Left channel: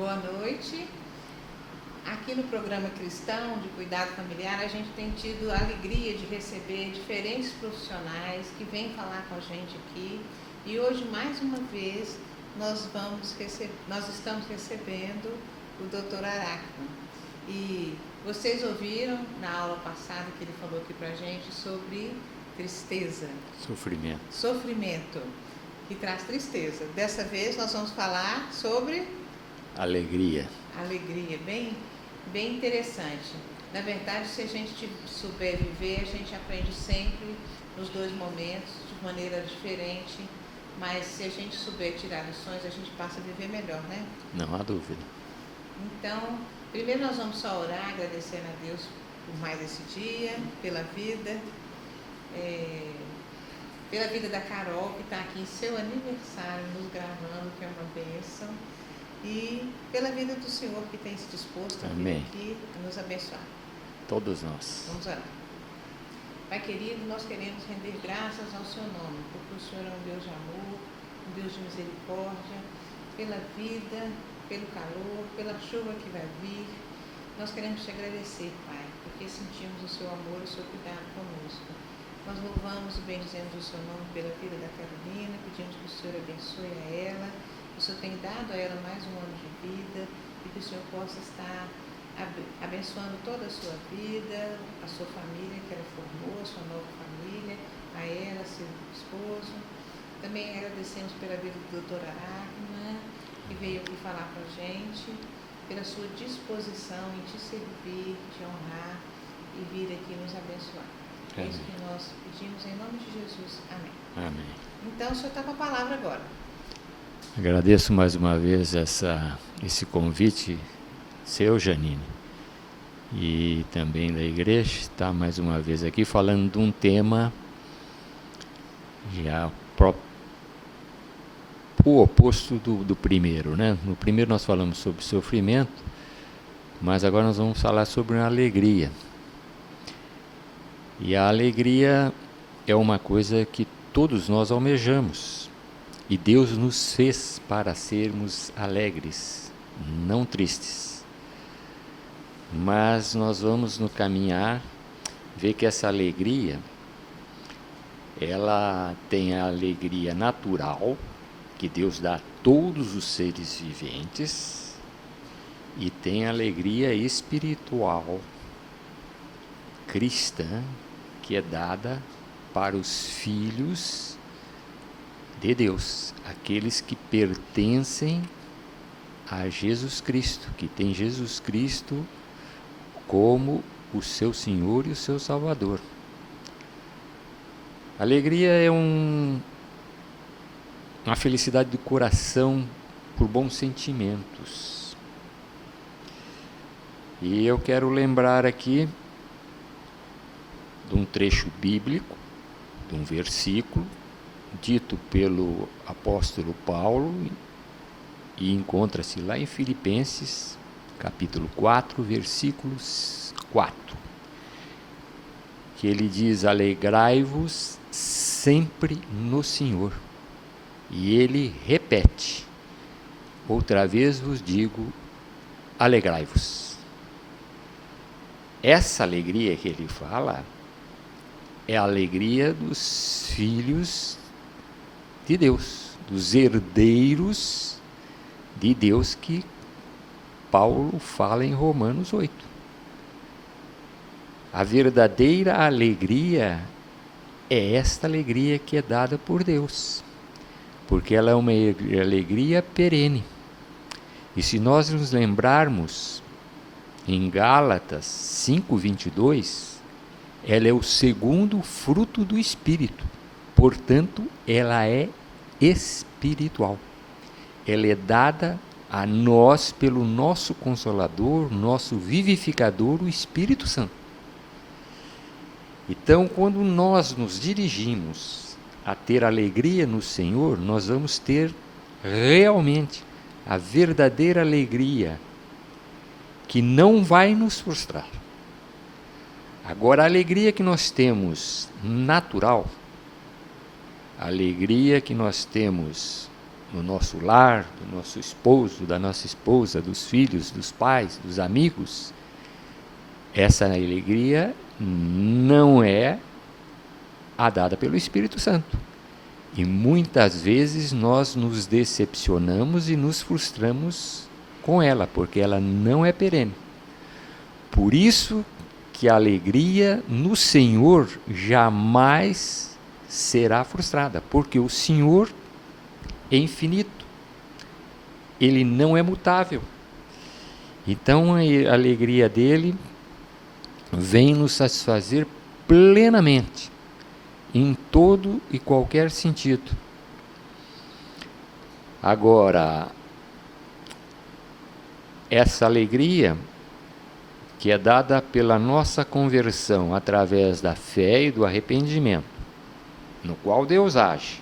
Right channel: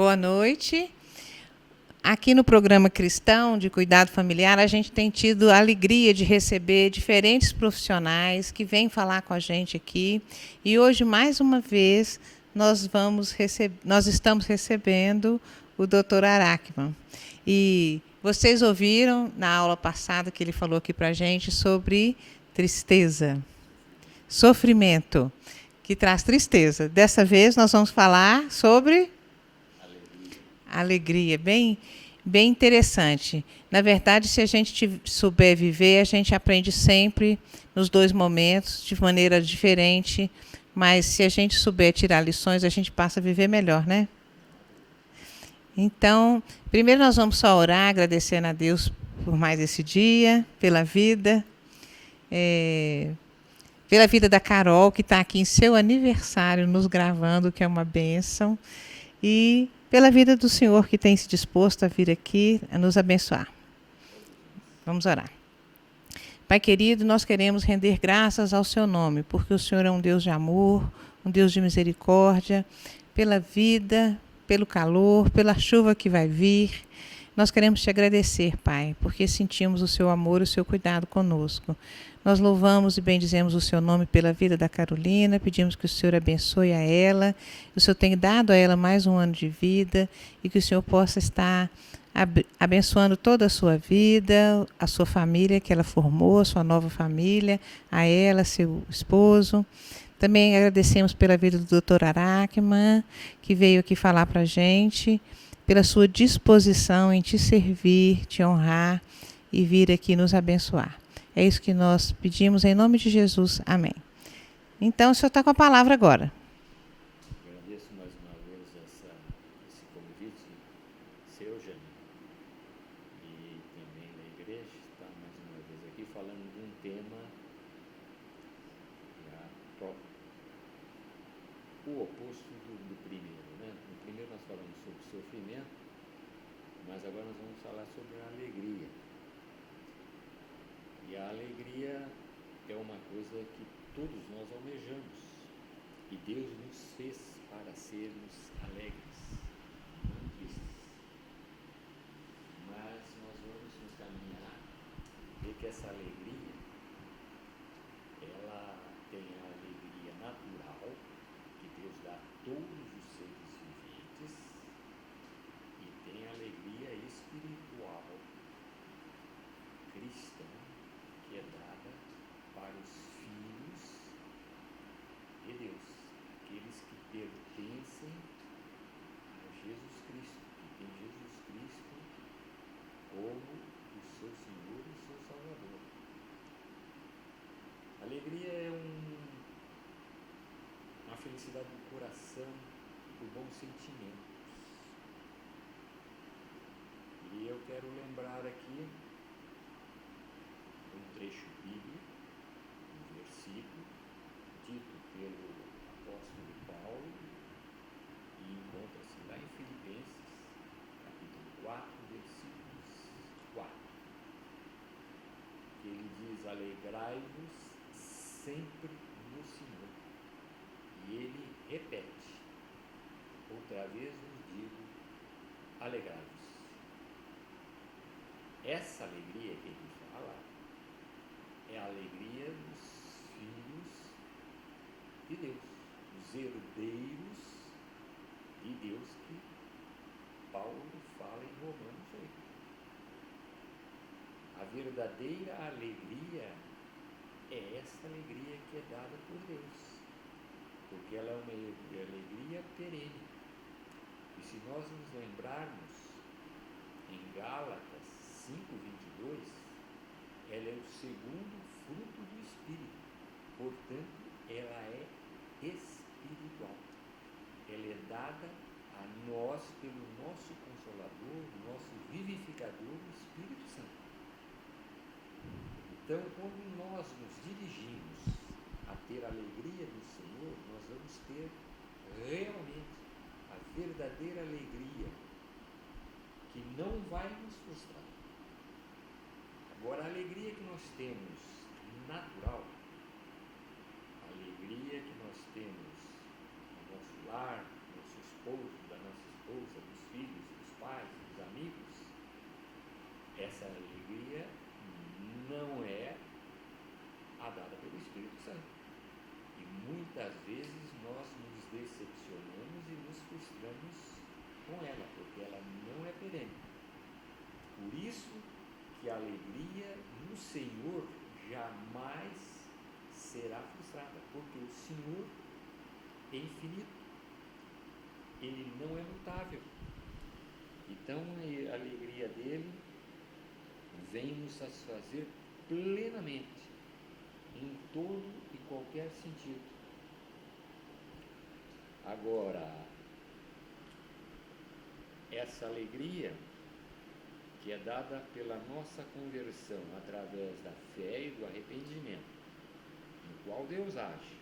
Boa noite. Aqui no programa Cristão de Cuidado Familiar, a gente tem tido a alegria de receber diferentes profissionais que vêm falar com a gente aqui. E hoje, mais uma vez, nós estamos recebendo o Dr. Arakman. E vocês ouviram na aula passada que ele falou aqui para a gente sobre tristeza. Sofrimento, que traz tristeza. Dessa vez, nós vamos falar sobre... Alegria, bem interessante. Na verdade, se a gente souber viver, a gente aprende sempre nos dois momentos, de maneira diferente, mas se a gente souber tirar lições, a gente passa a viver melhor, né? Não há dúvida. Então, primeiro nós vamos só orar, agradecendo a Deus por mais esse dia, pela vida da Carol, que está aqui em seu aniversário, nos gravando, que é uma bênção. E pela vida do Senhor que tem se disposto a vir aqui a nos abençoar. Todos nós. Vamos orar. Pai querido, nós queremos render graças ao seu nome, porque o Senhor é um Deus de amor, um Deus de misericórdia, pela vida, pelo calor, pela chuva que vai vir. Nós queremos te agradecer, Pai, porque sentimos o seu amor e o seu cuidado conosco. Nós louvamos e bendizemos o seu nome pela vida da Carolina, pedimos que o Senhor abençoe a ela, que o Senhor tenha dado a ela mais um ano de vida e que o Senhor possa estar abençoando toda a sua vida, a sua família que ela formou, a sua nova família, a ela, seu esposo. Também agradecemos pela vida do Dr. Arakman, que veio aqui falar para a gente, pela sua disposição em te servir, te honrar e vir aqui nos abençoar. É isso que nós pedimos em nome de Jesus. Amém. Amém. Então, o senhor está com a palavra agora. Agradeço mais uma vez esse convite seu, Janine, e também da igreja, está mais uma vez aqui falando de um tema já o oposto do primeiro, né? No primeiro nós falamos sobre sofrimento, mas agora nós vamos falar sobre a alegria. E a alegria é uma coisa que todos nós almejamos. E Deus nos fez para sermos alegres, não tristes. Mas nós vamos no caminhar ver que essa alegria, ela tem a alegria natural, que Deus dá a todos os seres viventes, e tem a alegria espiritual, cristã, que é dada para os filhos de Deus, aqueles que pertencem a Jesus Cristo, que tem Jesus Cristo como o seu Senhor e o seu Salvador. Alegria é uma felicidade do coração por bons sentimentos. E eu quero lembrar aqui de um trecho bíblico, de um versículo, dito pelo apóstolo Paulo, e encontra-se lá em Filipenses, capítulo 4, versículos 4, que ele diz: alegrai-vos sempre no Senhor. E ele repete: outra vez vos digo, alegrai-vos. Essa alegria que ele fala é a alegria dos filhos de Deus, dos herdeiros de Deus, que Paulo fala em Romanos 8. A verdadeira alegria é esta alegria que é dada por Deus, porque ela é uma alegria perene. E se nós nos lembrarmos, em Gálatas 5:22, ela é o segundo fruto do Espírito, portanto, ela é espiritual. Ela é dada a nós pelo nosso Consolador, nosso vivificador, o Espírito Santo. Então, quando nós nos dirigimos a ter alegria no Senhor, nós vamos ter realmente a verdadeira alegria, que não vai nos frustrar. Agora, a alegria que nós temos natural, a alegria que nós temos no nosso lar, do nosso esposo, da nossa esposa, dos filhos, dos pais, dos amigos, essa alegria não é a dada pelo Espírito Santo. E muitas vezes nós nos decepcionamos e nos frustramos com ela, porque ela não é perene. Por isso que a alegria no Senhor jamais será frustrada, porque o Senhor é infinito, Ele não é mutável. Então a alegria dele vem nos satisfazer plenamente, em todo e qualquer sentido. Agora, essa alegria que é dada pela nossa conversão através da fé e do arrependimento, no qual Deus age,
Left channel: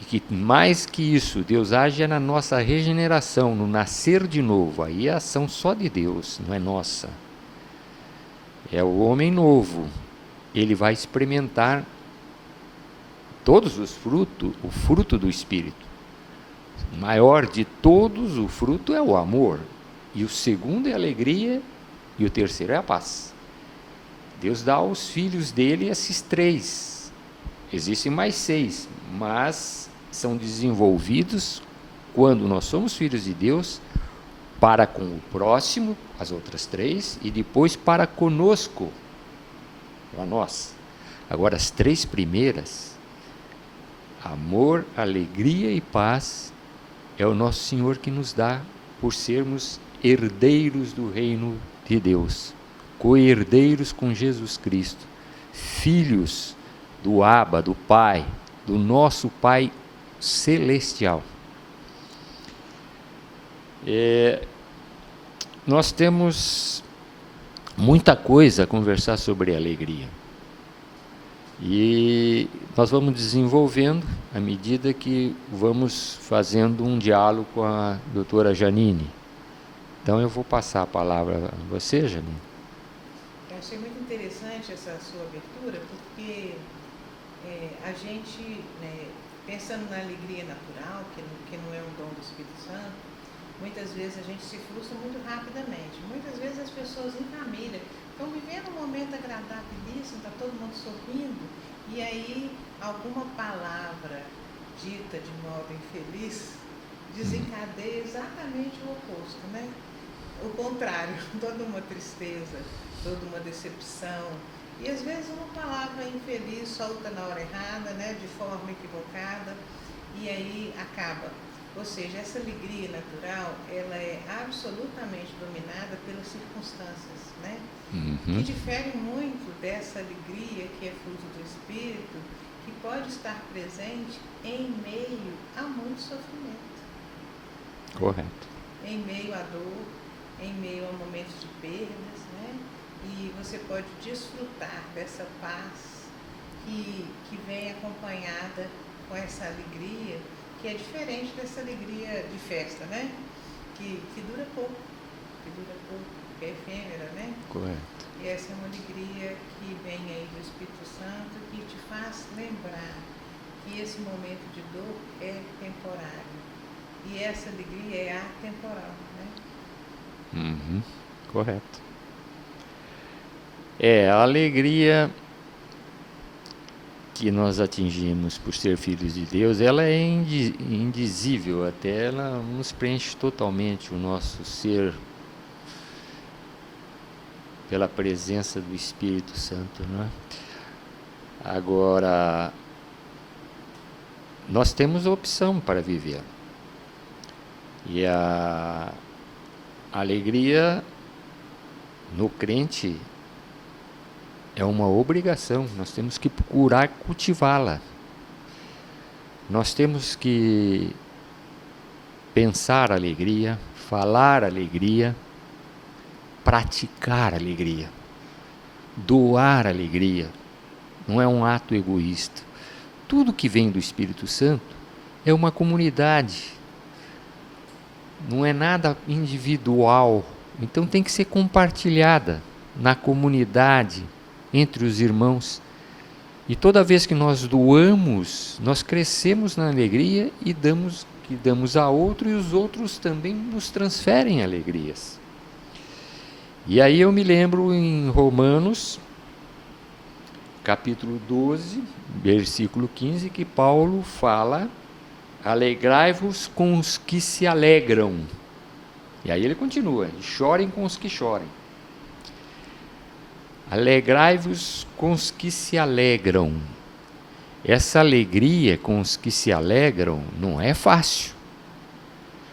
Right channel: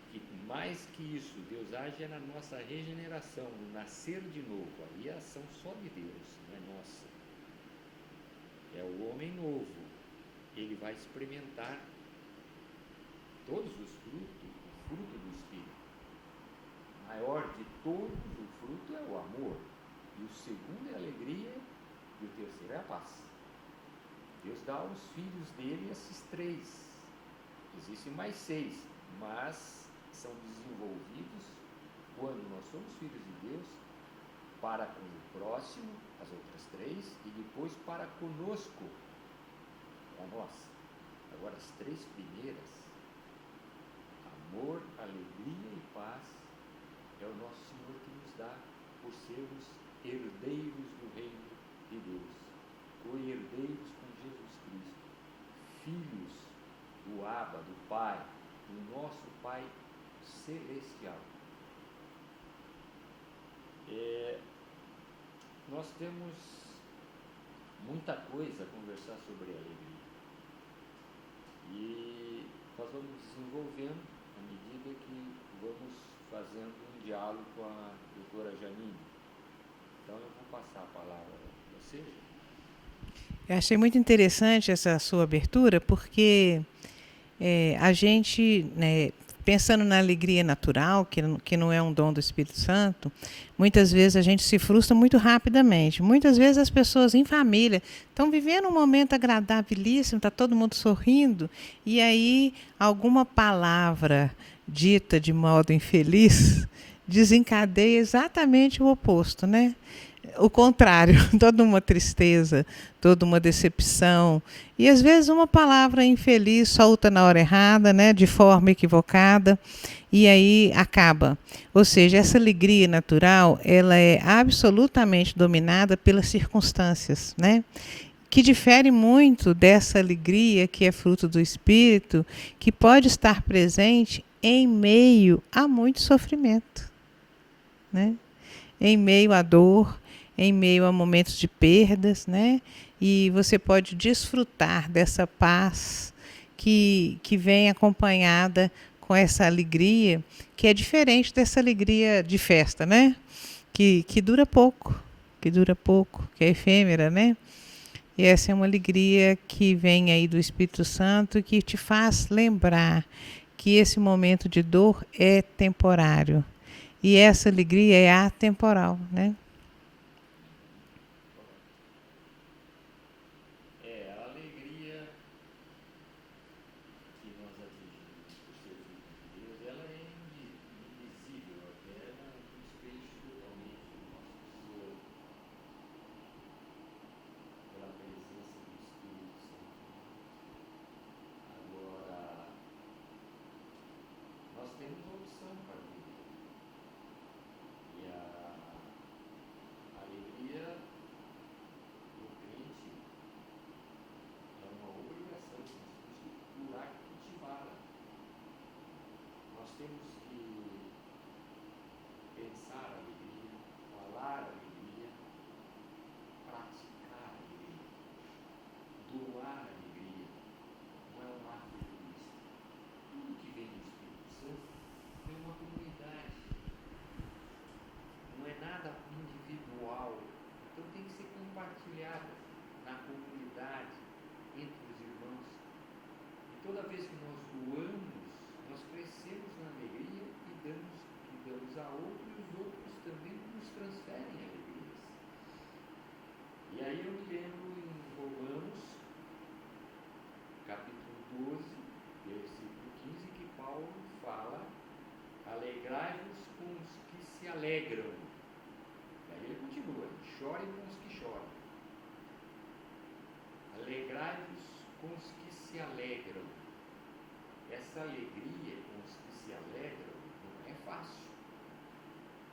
e que mais que isso, Deus age na nossa regeneração, no nascer de novo. Aí é a ação só de Deus, não é nossa. É o homem novo. Ele vai experimentar todos os frutos, o fruto do Espírito. O maior de todos, o fruto é o amor. E o segundo é a alegria, e o terceiro é a paz. Deus dá aos filhos dele esses três. Existem mais 6, mas são desenvolvidos quando nós somos filhos de Deus, para com o próximo, as outras 3, e depois para conosco, para nós. Agora, as 3 primeiras, amor, alegria e paz, é o nosso Senhor que nos dá, por sermos herdeiros do reino de Deus, co-herdeiros com Jesus Cristo, filhos do Abba, do Pai, do nosso Pai celestial. Nós temos muita coisa a conversar sobre alegria. E nós vamos desenvolvendo à medida que vamos fazendo um diálogo com a doutora Janine. Então eu vou passar a palavra a você, Janine. Eu achei muito interessante essa sua abertura, porque a gente, pensando na alegria natural, que não é um dom do Espírito Santo, muitas vezes a gente se frustra muito rapidamente. Muitas vezes as pessoas em família estão vivendo um momento agradabilíssimo, está todo mundo sorrindo, e aí alguma palavra dita de modo infeliz desencadeia exatamente o oposto, né? O contrário, toda uma tristeza, toda uma decepção. E às vezes uma palavra infeliz solta na hora errada, né? De forma equivocada, e aí acaba. Ou seja, essa alegria natural, ela é absolutamente dominada pelas circunstâncias, né? Que difere muito dessa alegria que é fruto do Espírito, que pode estar presente em meio a muito sofrimento, né? Correto. Em meio à dor, em meio a momentos de perdas, né? E você pode desfrutar dessa paz que vem acompanhada com essa alegria, que é diferente dessa alegria de festa, né? Que dura pouco, que é efêmera, né? Correto. E essa é uma alegria que vem aí do Espírito Santo, que te faz lembrar que esse momento de dor é temporário. E essa alegria é atemporal, né? Correto. A alegria que nós atingimos por ser filhos de Deus, ela é indizível, até ela nos preenche totalmente o nosso ser pela presença do Espírito Santo, não é? Agora, nós temos a opção para viver. E a alegria no crente é uma obrigação, nós temos que procurar cultivá-la. Nós temos que pensar alegria, falar alegria, praticar alegria, doar alegria. Não é um ato egoísta. Tudo que vem do Espírito Santo é uma comunidade, não é nada individual, então tem que ser compartilhada na comunidade, entre os irmãos. E toda vez que nós doamos, nós crescemos na alegria e damos que damos a outro, e os outros também nos transferem alegrias. E aí eu me lembro em Romanos, capítulo 12, versículo 15, que Paulo fala: alegrai-vos com os que se alegram. E aí ele continua: chorem com os que chorem. Alegrai-vos com os que se alegram. Essa alegria com os que se alegram não é fácil.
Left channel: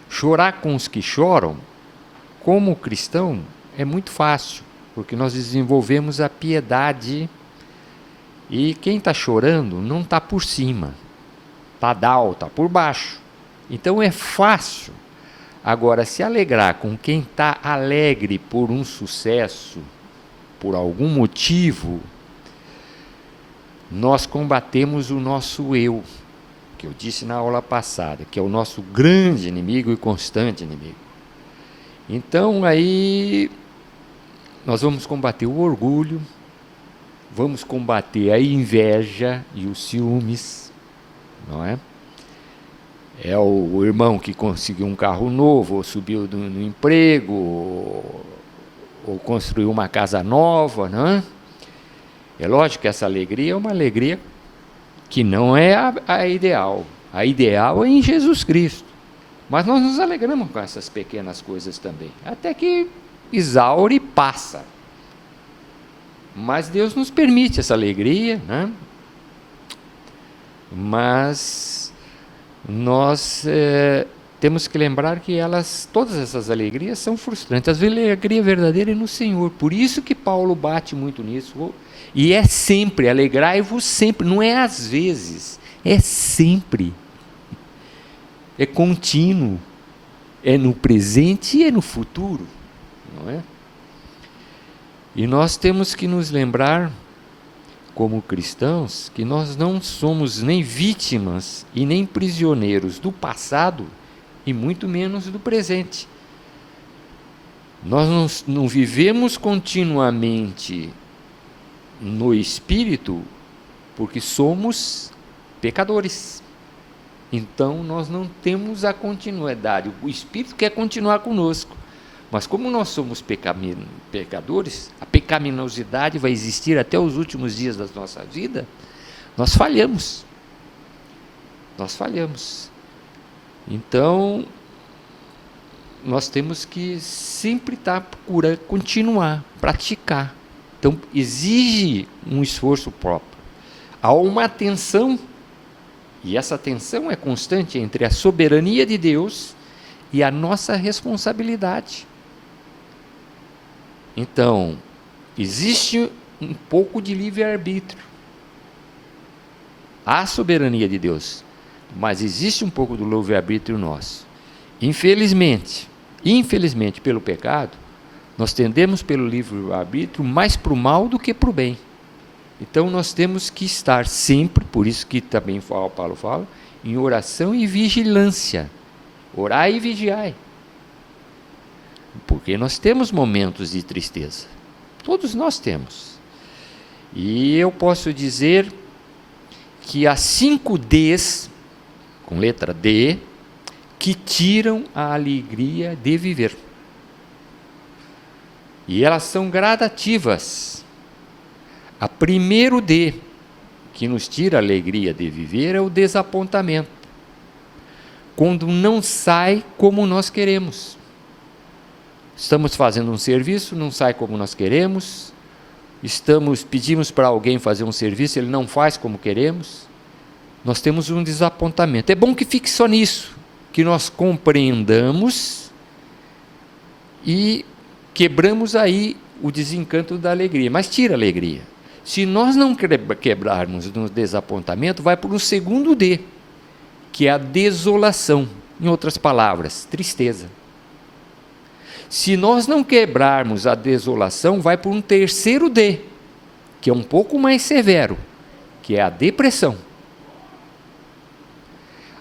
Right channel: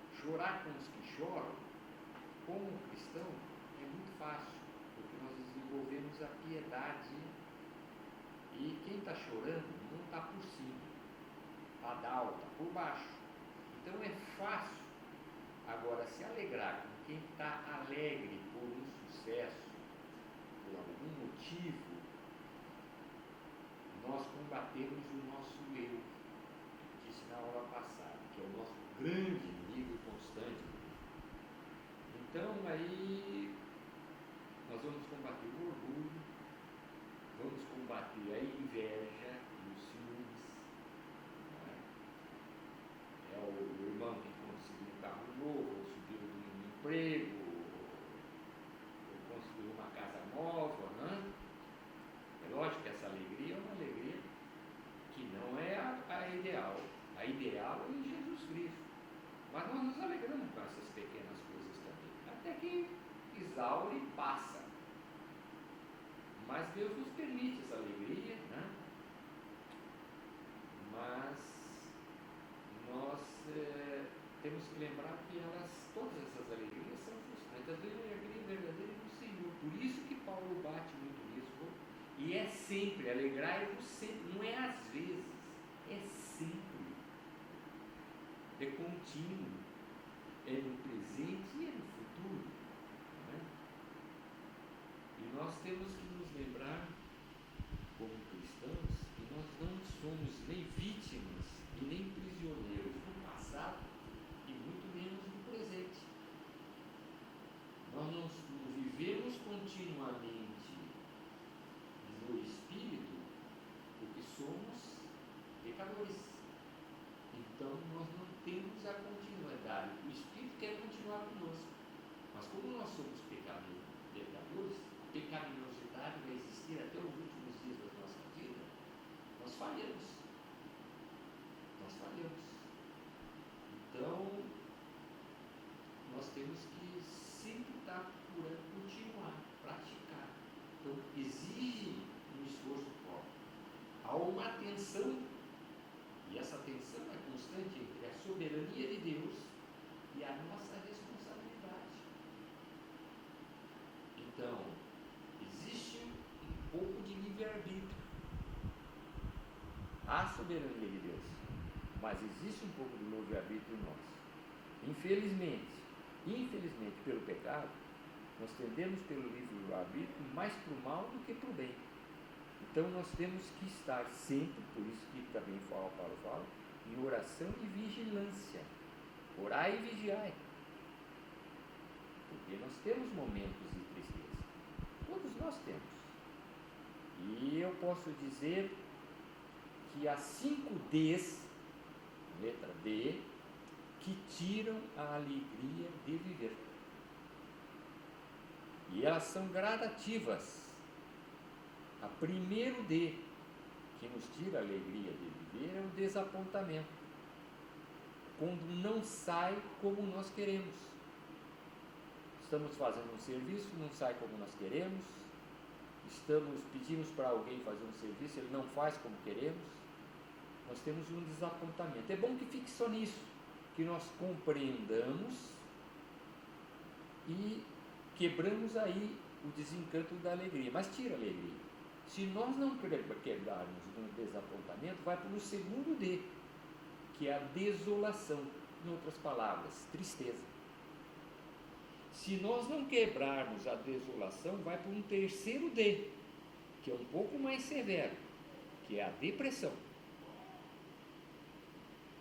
Chorar com os que choram, como cristão, é muito fácil, porque nós desenvolvemos a piedade, e quem está chorando não está por cima, está down, está por baixo. Então é fácil. Agora, se alegrar com quem está alegre por um sucesso, por algum motivo, nós combatemos o nosso eu, que eu disse na aula passada, que é o nosso grande inimigo e constante inimigo. Então, aí, nós vamos combater o orgulho, vamos combater a inveja e os ciúmes, não é? É o irmão que conseguiu um carro novo, ou subiu no emprego, ou construiu uma casa nova, não é? É lógico que essa alegria é uma alegria que não é a ideal. A ideal é em Jesus Cristo. Mas nós nos alegramos com essas pequenas coisas também, até que exaure e passa. Mas Deus nos permite essa alegria, né? Mas nós temos que lembrar que todas essas alegrias são frustrantes. A alegria verdadeira é no Senhor. Por isso que Paulo bate muito nisso. E é sempre, alegrai-vos sempre, não é às vezes, é sempre. É contínuo, é no presente e é no futuro, não é? E nós temos que nos lembrar, como cristãos, que nós não somos nem vítimas e nem prisioneiros do passado, e muito menos do presente. Nós não vivemos continuamente no Espírito, porque somos pecadores. Então, nós não temos a continuidade. O Espírito quer continuar conosco. Mas como nós somos pecadores, a pecaminosidade vai existir até os últimos dias da nossa vida, nós falhamos. Nós falhamos. Então, nós temos que sempre estar procurando continuar, praticar. Então, exige um esforço próprio. Há uma tensão, e essa tensão é constante entre a soberania de Deus e a nossa responsabilidade. Então, existe um pouco de livre-arbítrio. Há soberania de Deus, mas existe um pouco do livre-arbítrio nosso. Infelizmente, pelo pecado, nós tendemos pelo livre-arbítrio mais para o mal do que para o bem. Então nós temos que estar sempre, por isso que também Paulo fala, em oração e vigilância. Orai e vigiai. Porque nós temos momentos de tristeza. Todos nós temos. E eu posso dizer que há 5 Ds, com letra D, que tiram a alegria de viver. E elas são gradativas. A primeiro D, que nos tira a alegria de viver, é o desapontamento. Quando não sai como nós queremos. Estamos fazendo um serviço, não sai como nós queremos. Pedimos para alguém fazer um serviço, ele não faz como queremos. Nós temos um desapontamento. É bom que fique só nisso, que nós compreendamos e quebramos aí o desencanto da alegria, mas tira a alegria. Se nós não quebrarmos no desapontamento, vai para o segundo D, que é a desolação. Em outras palavras, tristeza. Se nós não quebrarmos a desolação, vai para um terceiro D, que é um pouco mais severo, que é a depressão.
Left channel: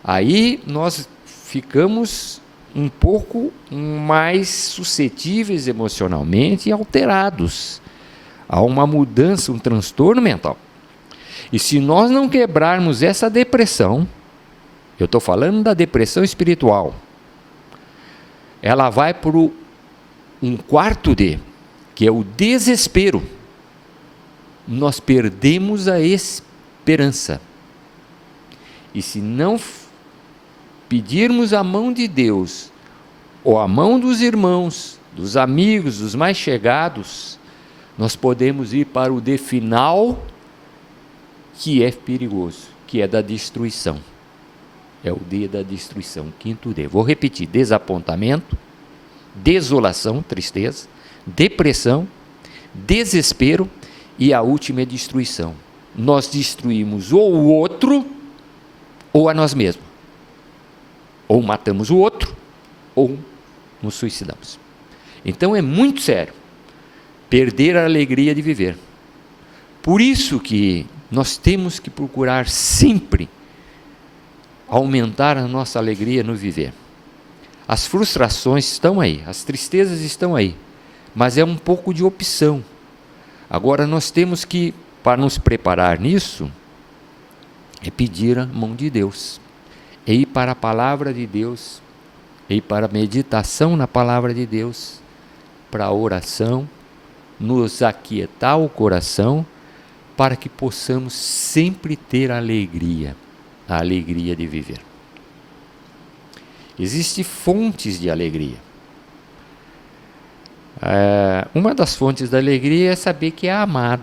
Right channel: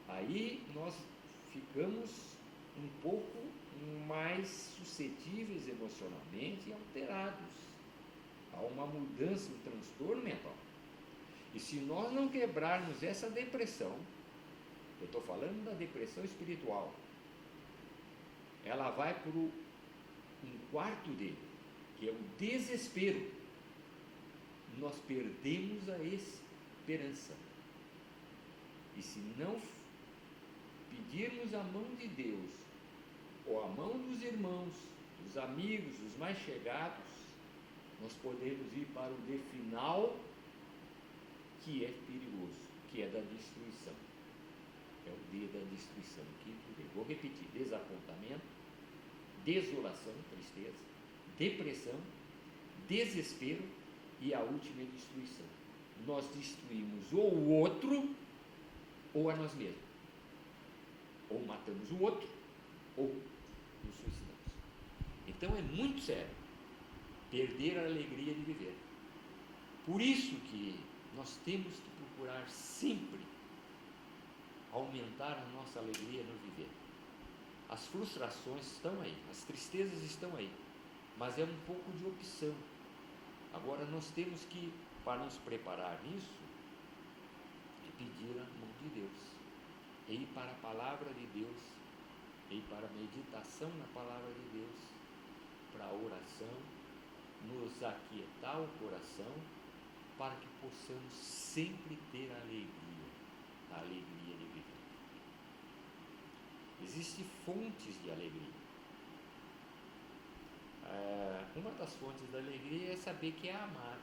Aí nós ficamos um pouco mais suscetíveis emocionalmente e alterados. Há uma mudança, um transtorno mental. E se nós não quebrarmos essa depressão, Eu estou falando da depressão espiritual. Ela vai para um quarto D, que é o desespero. Nós perdemos a esperança. E se não pedirmos a mão de Deus, ou a mão dos irmãos, dos amigos, dos mais chegados, nós podemos ir para o D final, que é perigoso, que é da destruição. É o D da destruição, quinto D. Vou repetir: desapontamento, desolação, tristeza, depressão, desespero e a última é destruição. Nós destruímos ou o outro ou a nós mesmos. Ou matamos o outro ou nos suicidamos. Então é muito sério perder a alegria de viver. Por isso que nós temos que procurar sempre aumentar a nossa alegria no viver. As frustrações estão aí, as tristezas estão aí, mas é um pouco de opção. Agora nós temos que, para nos preparar nisso, é pedir a mão de Deus, é ir para a palavra de Deus, é ir para a meditação na palavra de Deus, para a oração, nos aquietar o coração, para que possamos sempre ter a alegria de viver. Existem fontes de alegria. Uma das fontes da alegria é saber que é amado.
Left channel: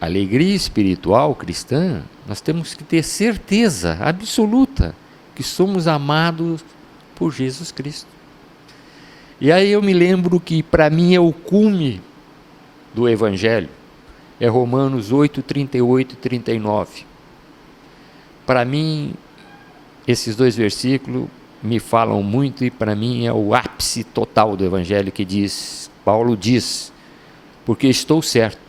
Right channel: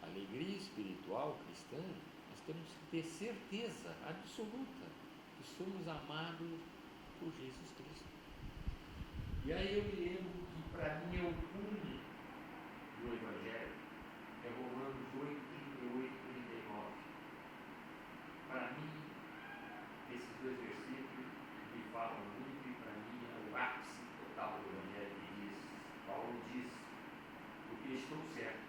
A alegria espiritual cristã, nós temos que ter certeza absoluta que somos amados por Jesus Cristo. E aí eu me lembro que para mim é o cume do Evangelho, é Romanos 8, 38 e 39. Para mim, esses dois versículos me falam muito e para mim é o ápice total do Evangelho, que diz, Paulo diz: porque estou certo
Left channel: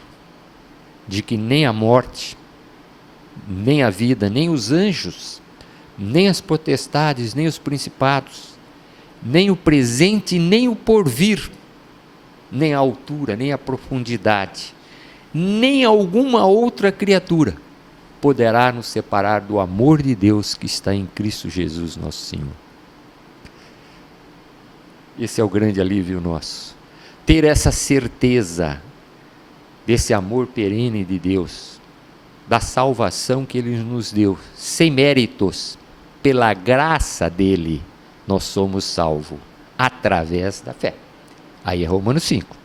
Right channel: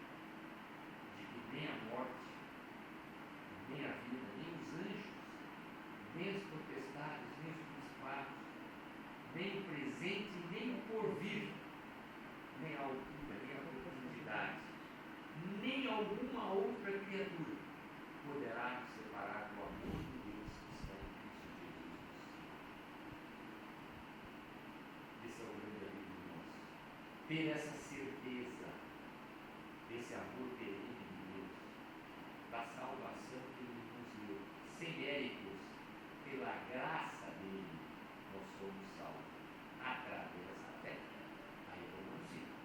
de que nem a morte, nem a vida, nem os anjos, nem as potestades, nem os principados, nem o presente, nem o porvir, nem a altura, nem a profundidade, nem alguma outra criatura poderá nos separar do amor de Deus que está em Cristo Jesus, nosso Senhor. Esse é o grande alívio nosso. Ter essa certeza desse amor perene de Deus, da salvação que Ele nos deu, sem méritos, pela graça dEle, nós somos salvos, através da fé. Aí é Romanos 5.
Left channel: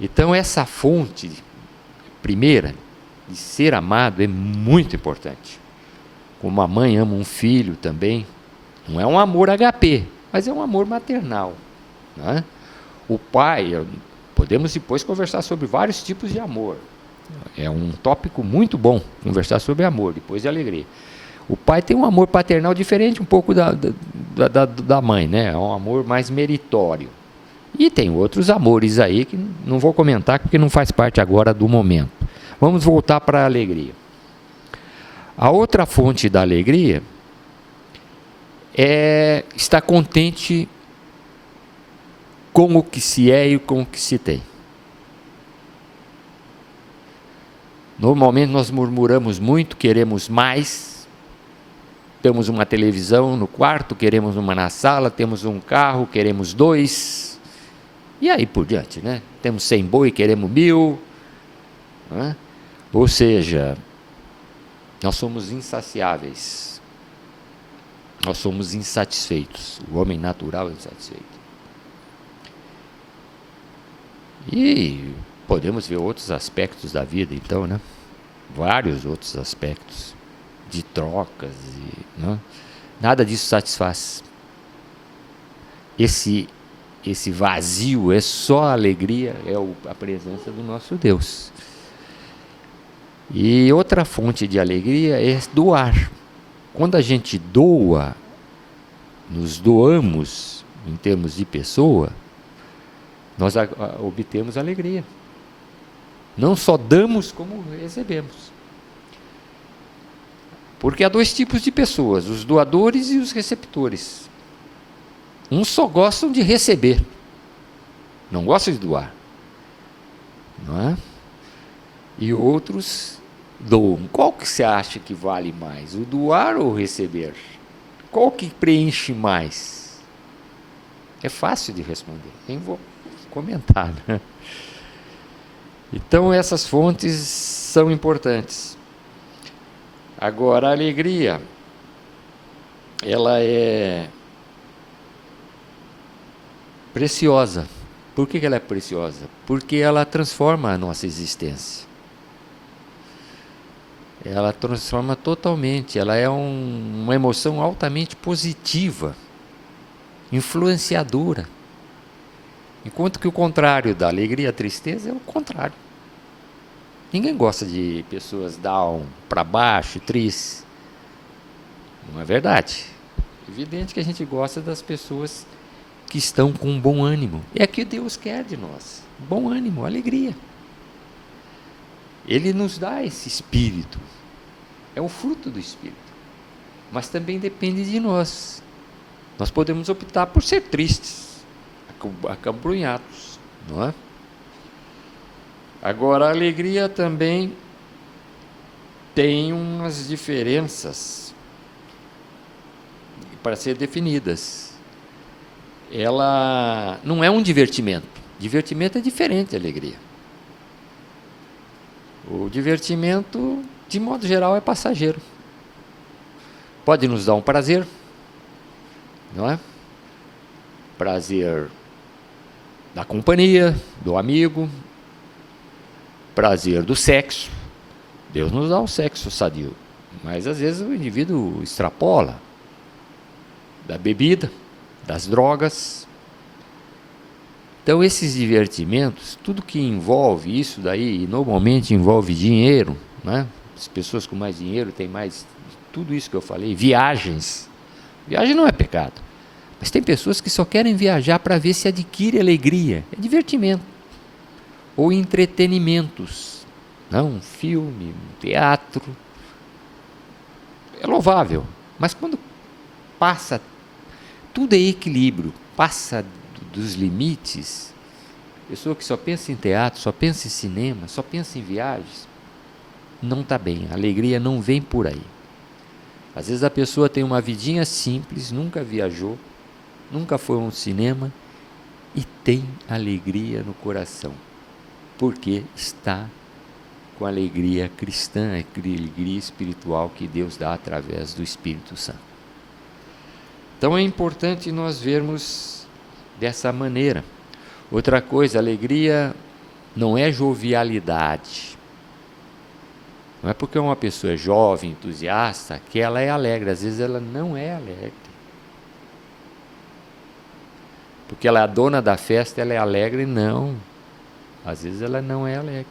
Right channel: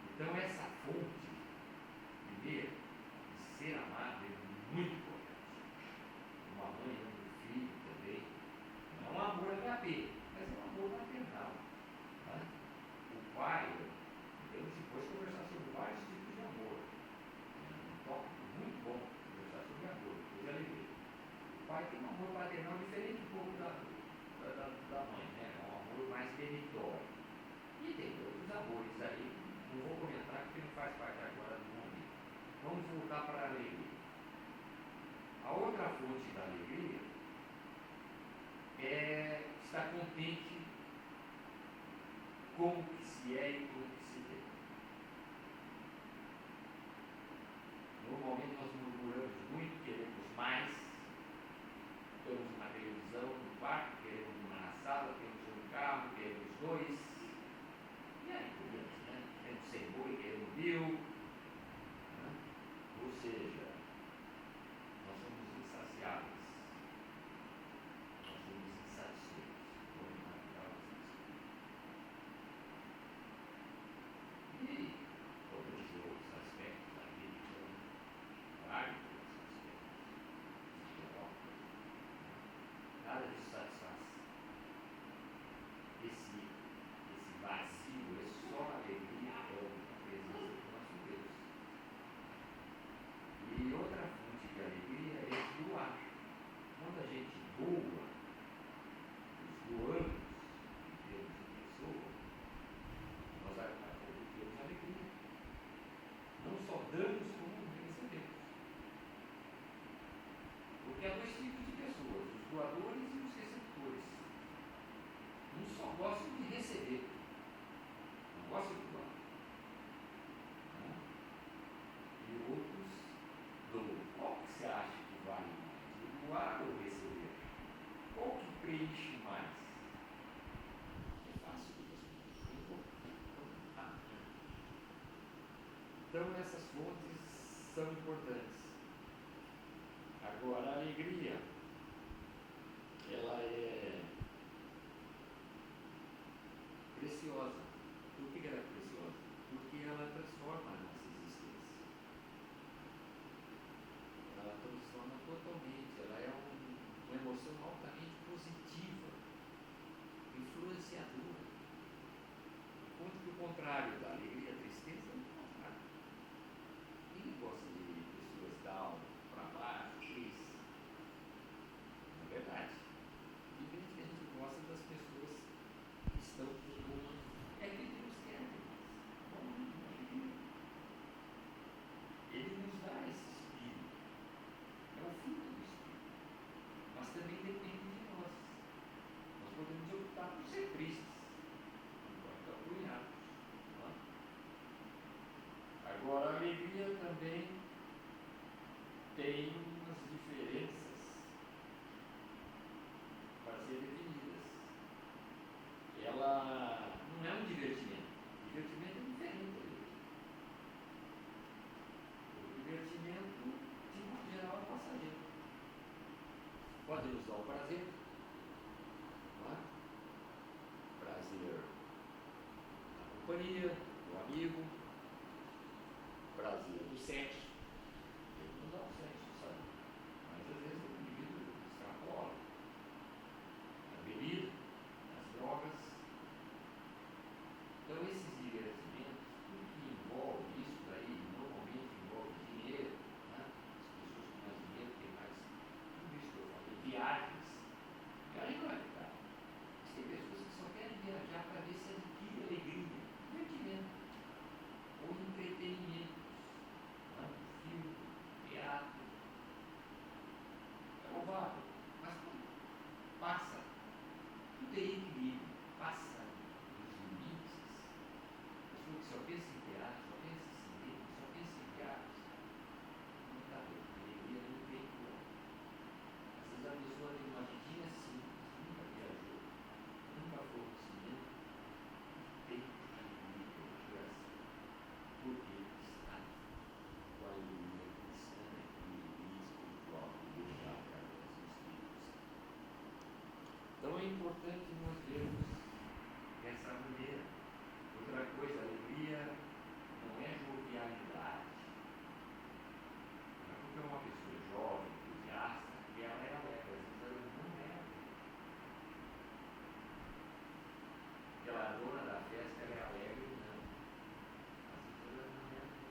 Então essa fonte primeira de ser amado é muito importante. Como a mãe ama um filho também, não é um amor HP, mas é um amor maternal, não é? O pai, podemos depois conversar sobre vários tipos de amor. É um tópico muito bom, conversar sobre amor, depois de alegria. O pai tem um amor paternal diferente um pouco da mãe, né? É um amor mais meritório. E tem outros amores aí que não vou comentar porque não faz parte agora do momento. Vamos voltar para a alegria. A outra fonte da alegria é estar contente com o que se é e com o que se tem. Normalmente nós murmuramos muito, queremos mais. Temos uma televisão no quarto, queremos uma na sala, temos um carro, queremos 2. E aí por diante, né? Temos 100 boi, queremos 1000. Né? Ou seja, nós somos insaciáveis. Nós somos insatisfeitos. O homem natural é insatisfeito. E podemos ver outros aspectos da vida, então, né? Vários outros aspectos de trocas. Né? Nada disso satisfaz. Esse vazio é só a alegria, é a presença do nosso Deus. E outra fonte de alegria é doar. Quando a gente doa, nos doamos em termos de pessoa, nós obtemos alegria. Não só damos, como recebemos. Porque há 2 tipos de pessoas, os doadores e os receptores. Uns só gostam de receber, não gostam de doar, não é? E outros doam, qual que você acha que vale mais? O doar ou o receber? Qual que preenche mais? É fácil de responder, nem vou comentar, né? Então essas fontes são importantes. Agora, a alegria, ela é preciosa. Por que ela é preciosa? Porque ela transforma a nossa existência. Ela transforma totalmente. Ela é uma emoção altamente positiva, influenciadora. Enquanto que o contrário da alegria, a tristeza, é o contrário. Ninguém gosta de pessoas down, para baixo, tristes. Não é verdade? É evidente que a gente gosta das pessoas que estão com bom ânimo. É o que Deus quer de nós. Bom ânimo, alegria. Ele nos dá esse espírito. É o fruto do espírito. Mas também depende de nós. Nós podemos optar por ser tristes, acabrunhados, não é? Agora, a alegria também tem umas diferenças para ser definidas. Ela não é um divertimento. Divertimento é diferente da alegria. O divertimento, de modo geral, é passageiro. Pode nos dar um prazer, não é? Prazer da companhia, do amigo, prazer do sexo. Deus nos dá o sexo sadio, mas às vezes o indivíduo extrapola. Da bebida, das drogas. Então esses divertimentos, tudo que envolve isso daí, e normalmente envolve dinheiro, né? As pessoas com mais dinheiro têm mais, tudo isso que eu falei, viagens. Viagem não é pecado, mas tem pessoas que só querem viajar para ver se adquire alegria, é divertimento. Ou entretenimentos, não? Um filme, um teatro, é louvável, mas quando passa, tudo é equilíbrio, passa dos limites. Pessoa que só pensa em teatro, só pensa em cinema, só pensa em viagens, não está bem. A alegria não vem por aí. Às vezes a pessoa tem uma vidinha simples, nunca viajou, nunca foi a um cinema e tem alegria no coração, porque está com a alegria cristã, a alegria espiritual que Deus dá através do Espírito Santo. Então é importante nós vermos dessa maneira. Outra coisa, alegria não é jovialidade. Não é porque uma pessoa é jovem, entusiasta, que ela é alegre. Às vezes ela não é alegre. Porque ela é a dona da festa, ela é alegre? Não. Às vezes ela não é alegre.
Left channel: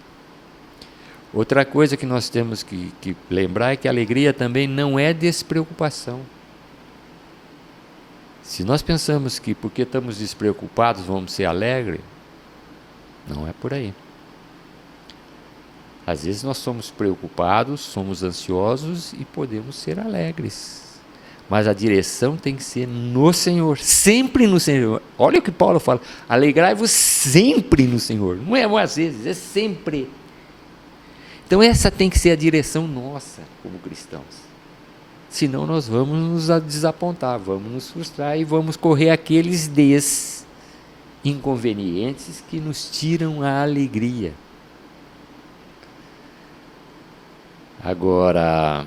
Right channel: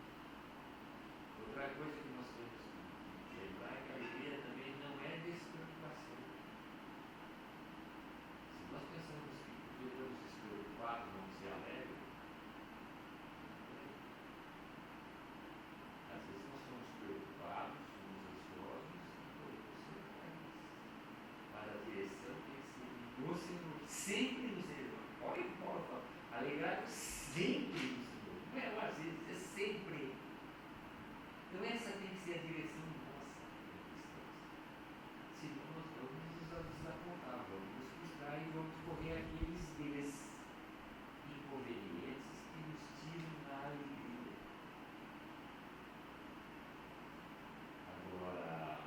Outra coisa que nós temos que lembrar é que a alegria também não é despreocupação. Se nós pensamos que porque estamos despreocupados vamos ser alegres, não é por aí. Às vezes nós somos preocupados, somos ansiosos e podemos ser alegres. Mas a direção tem que ser no Senhor, sempre no Senhor. Olha o que Paulo fala, alegrai-vos sempre no Senhor. Não é às vezes, é sempre. Então essa tem que ser a direção nossa como cristãos. Senão nós vamos nos desapontar, vamos nos frustrar e vamos correr aqueles inconvenientes que nos tiram a alegria. Agora,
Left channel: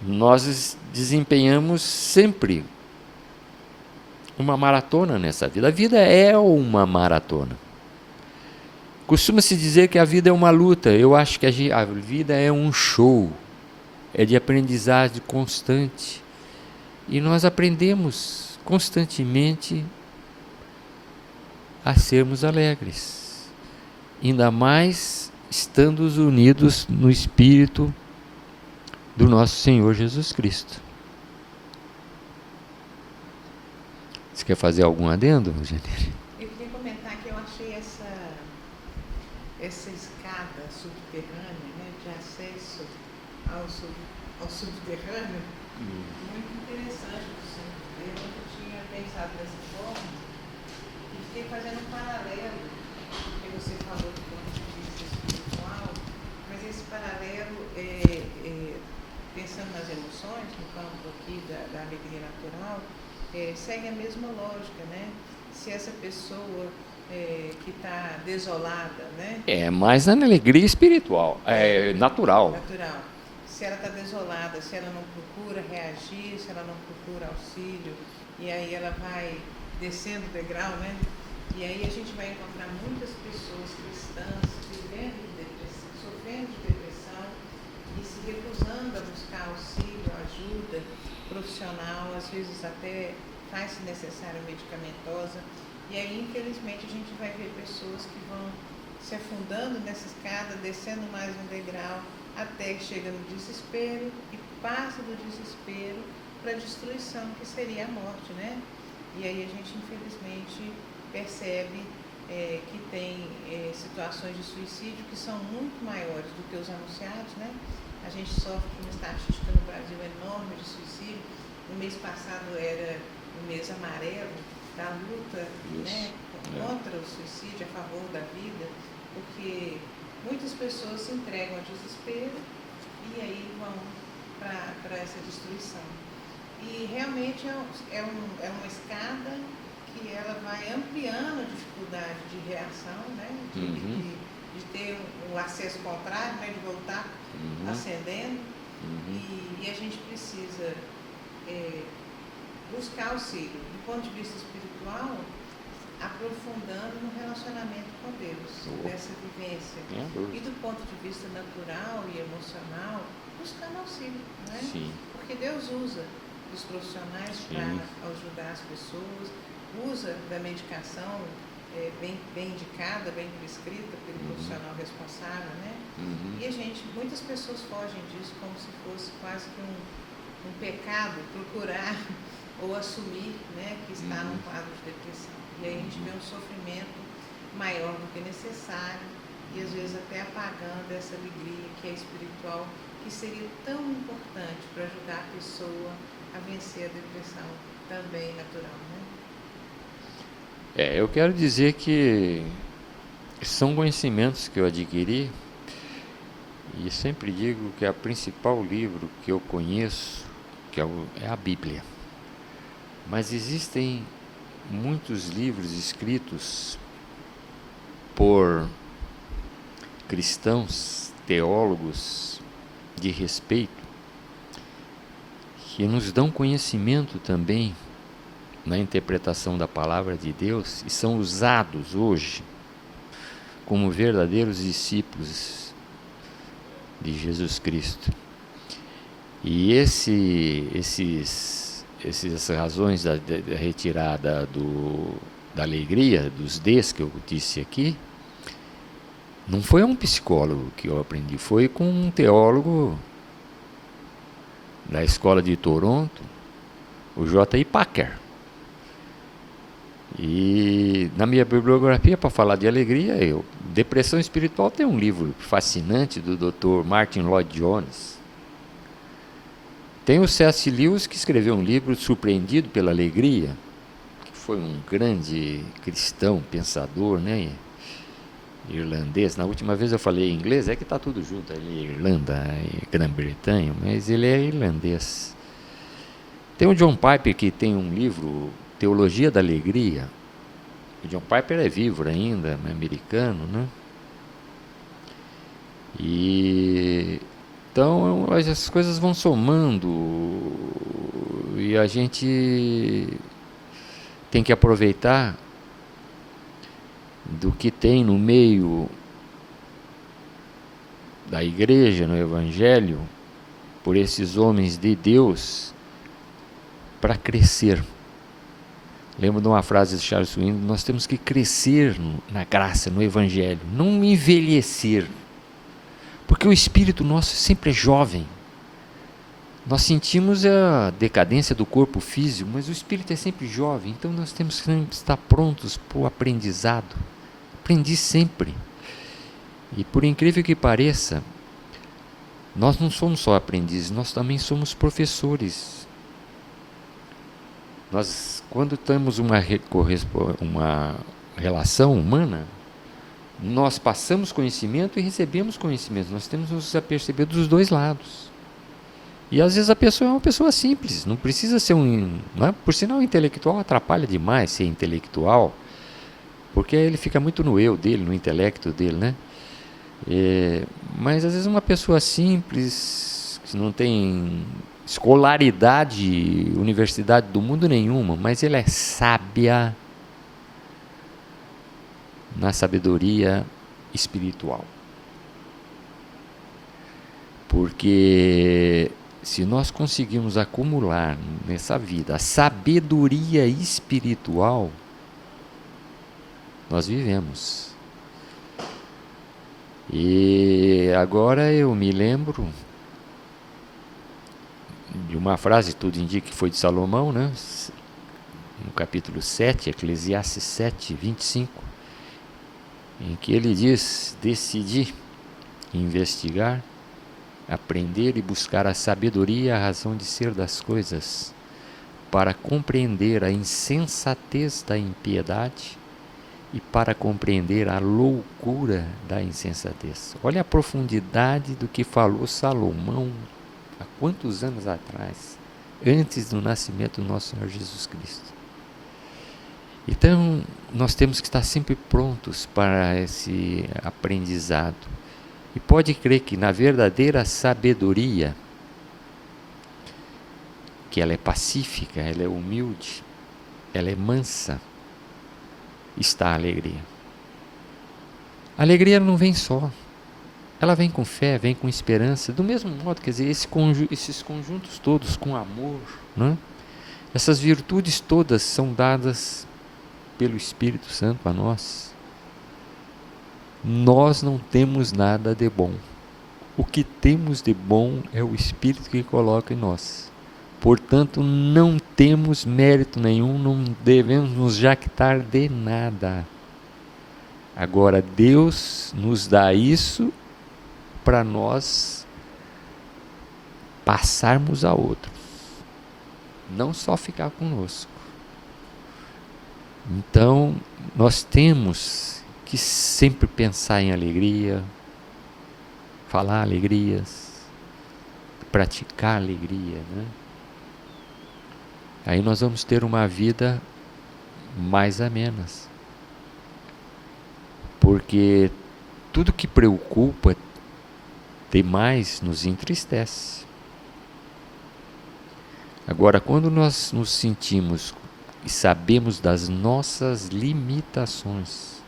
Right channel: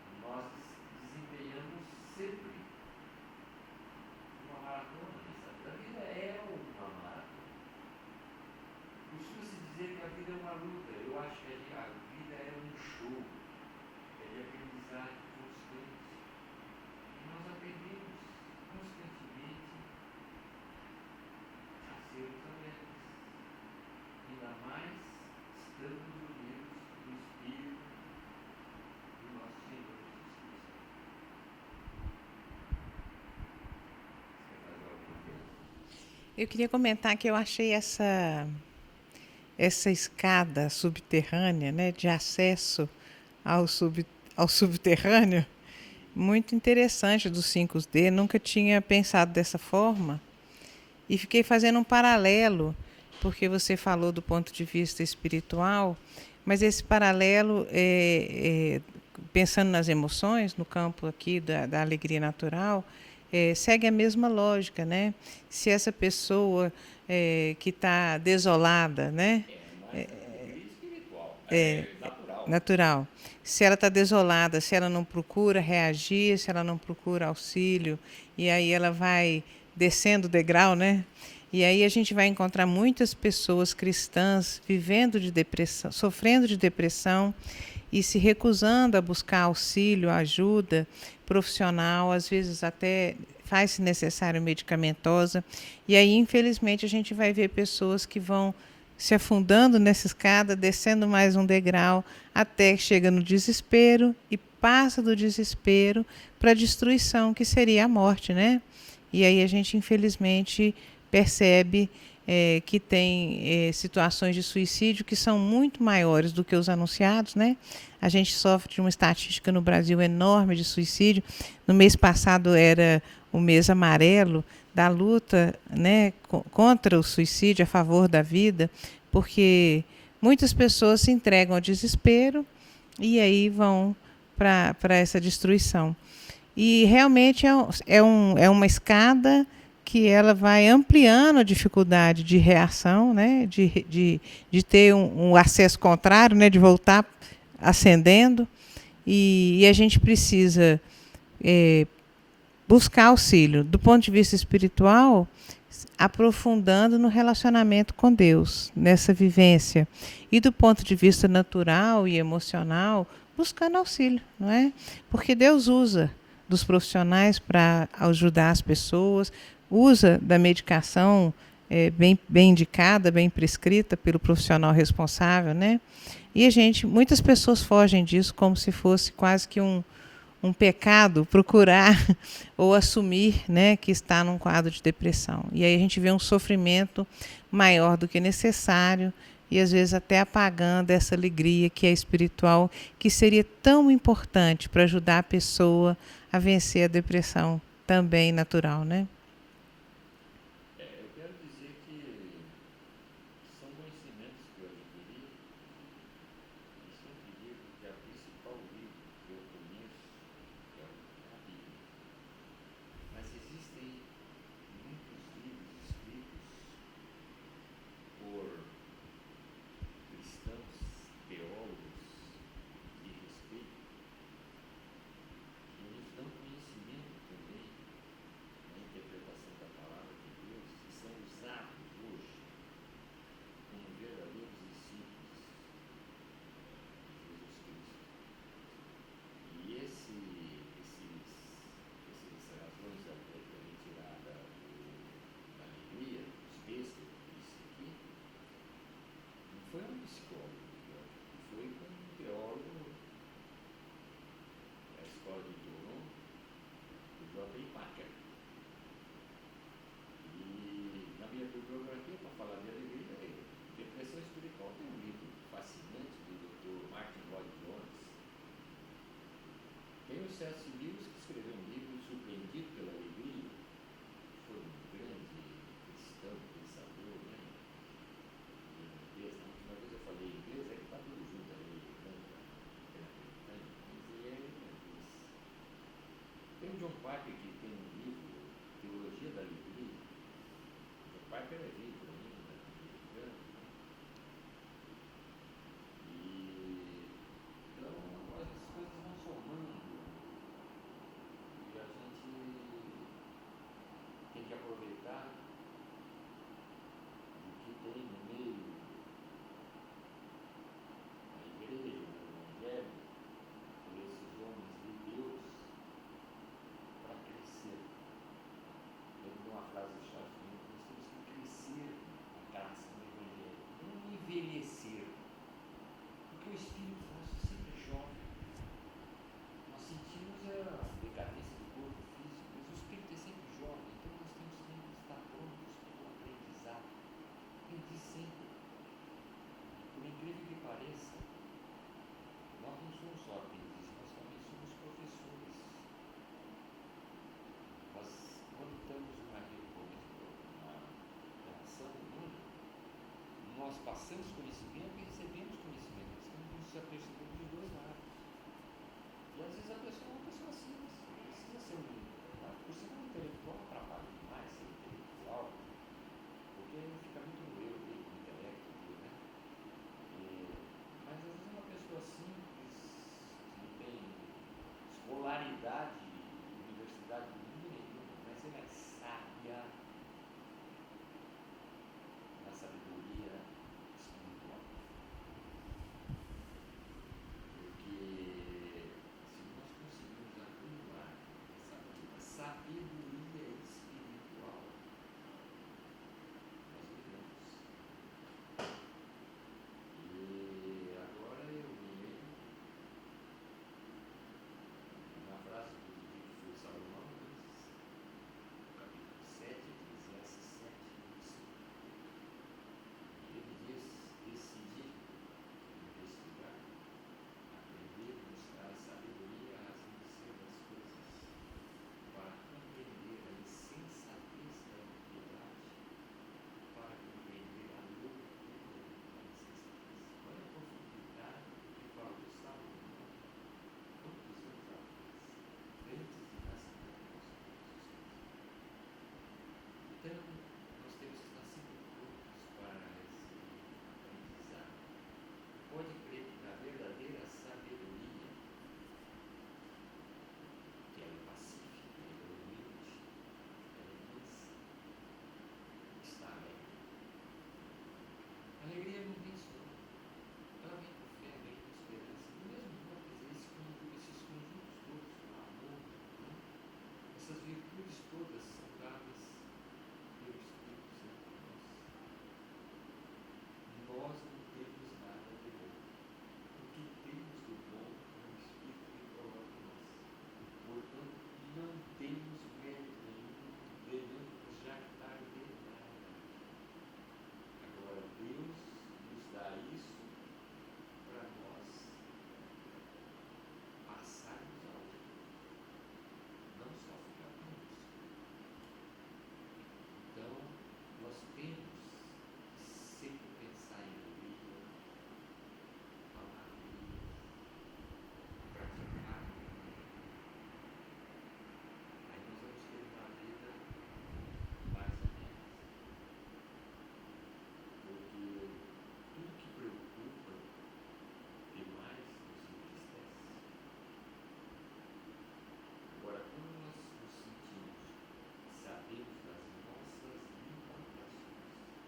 nós desempenhamos sempre uma maratona nessa vida. A vida é uma maratona. Costuma-se dizer que a vida é uma luta. Eu acho que a vida é um show, é de aprendizagem constante. E nós aprendemos constantemente a sermos alegres, ainda mais estando unidos no Espírito do nosso Senhor Jesus Cristo. Você quer fazer algum adendo, Janine? Eu queria comentar que eu achei essa escada subterrânea, né, de acesso ao subterrâneo, muito interessante do 5D. Nunca tinha pensado dessa forma e fiquei fazendo um paralelo porque você falou do ponto de vista espiritual, mas esse paralelo, pensando nas emoções, no campo aqui da alegria natural, segue a mesma lógica, né? Se essa pessoa que está desolada, né? É mais na alegria espiritual, natural. Natural. Se ela está desolada, se ela não procura reagir, se ela não procura auxílio, e aí ela vai descendo o degrau, né? E aí a gente vai encontrar muitas pessoas cristãs vivendo de depressão, sofrendo de depressão e se recusando a buscar auxílio, ajuda profissional, às vezes até faz-se necessário medicamentosa. E aí, infelizmente, a gente vai ver pessoas que vão se afundando nessa escada, descendo mais um degrau, até que chega no desespero e passa do desespero para a destruição, que seria a morte, né? E aí a gente, infelizmente, percebe que tem situações de suicídio que são muito maiores do que os anunciados, né? A gente sofre de uma estatística no Brasil enorme de suicídio. No mês passado era o mês amarelo da luta, né, contra o suicídio, a favor da vida, porque muitas pessoas se entregam ao desespero e aí vão para essa destruição. E realmente é uma escada que ela vai ampliando a dificuldade de reação, né? de ter um acesso contrário, né? De voltar ascendendo. E a gente precisa buscar auxílio, do ponto de vista espiritual, aprofundando no relacionamento com Deus, nessa vivência. E do ponto de vista natural e emocional, buscando auxílio, não é? Sim. Porque Deus usa dos profissionais para ajudar as pessoas, usa da medicação bem indicada, bem prescrita pelo profissional responsável, né? E muitas pessoas fogem disso como se fosse quase que um pecado procurar ou assumir, né, que está num quadro de depressão. E aí a gente vê um sofrimento maior do que necessário e às vezes até apagando essa alegria que é espiritual, que seria tão importante para ajudar a pessoa a vencer a depressão também natural, né? Eu quero dizer que são conhecimentos que eu adquiri e sempre digo que o principal livro que eu conheço que é a Bíblia. Mas existem muitos livros escritos por cristãos, teólogos de respeito, que nos dão conhecimento também na interpretação da palavra de Deus e são usados hoje como verdadeiros discípulos de Jesus Cristo. E essas razões da retirada da alegria, dos Ds que eu disse aqui, não foi um psicólogo que eu aprendi, foi com um teólogo da escola de Toronto, o J.I. Packer. E na minha bibliografia, para falar de alegria, Depressão Espiritual tem um livro fascinante do Dr. Martin Lloyd Jones. Tem o C.S. Lewis, que escreveu um livro, Surpreendido pela Alegria, que foi um grande cristão, pensador, né? Irlandês. Na última vez eu falei inglês, é que está tudo junto ali, Irlanda e Grã-Bretanha, mas ele é irlandês. Tem o John Piper, que tem um livro, Teologia da Alegria. O John Piper é vivo ainda, é americano, né? Então as coisas vão somando e a gente tem que aproveitar do que tem no meio da igreja, no Evangelho, por esses homens de Deus, para crescer. Lembro de uma frase de Charles Swindoll: nós temos que crescer na graça, no Evangelho, não envelhecer, porque o espírito nosso sempre é jovem. Nós sentimos a decadência do corpo físico, mas o espírito é sempre jovem, então nós temos que estar prontos para o aprendizado. Aprendi sempre. E por incrível que pareça, nós não somos só aprendizes, nós também somos professores. Nós, quando temos uma relação humana, Nós passamos conhecimento e recebemos conhecimento. Nós temos que nos aperceber dos dois lados. E às vezes a pessoa é uma pessoa simples, não precisa ser não é? Por sinal, o intelectual atrapalha demais ser intelectual, porque ele fica muito no eu dele, no intelecto dele, né? Mas às vezes uma pessoa simples, que não tem escolaridade, universidade do mundo nenhuma, mas ela é sábia na sabedoria espiritual. Porque se nós conseguirmos acumular nessa vida a sabedoria espiritual, nós vivemos. E agora eu me lembro de uma frase, tudo indica que foi de Salomão, né? No capítulo 7, Eclesiastes 7, 25, em que ele diz: decidi investigar, aprender e buscar a sabedoria e a razão de ser das coisas, para compreender a insensatez da impiedade e para compreender a loucura da insensatez. Olha a profundidade do que falou Salomão há quantos anos atrás, antes do nascimento do nosso Senhor Jesus Cristo. Então, nós temos que estar sempre prontos para esse aprendizado. E pode crer que na verdadeira sabedoria, que ela é pacífica, ela é humilde, ela é mansa, está a alegria. A alegria não vem só, ela vem com fé, vem com esperança, do mesmo modo, quer dizer, esses conjuntos todos com amor, né? Essas virtudes todas são dadas pelo Espírito Santo a nós. Nós não temos nada de bom. O que temos de bom é o Espírito que coloca em nós. Portanto, não temos mérito nenhum, não devemos nos jactar de nada. Agora, Deus nos dá isso para nós passarmos a outros, não só ficar conosco. Então, nós temos que sempre pensar em alegria, falar alegrias, praticar alegria, né? Aí nós vamos ter uma vida mais amena. Porque tudo que preocupa demais nos entristece. Agora, quando nós nos sentimos e sabemos das nossas limitações,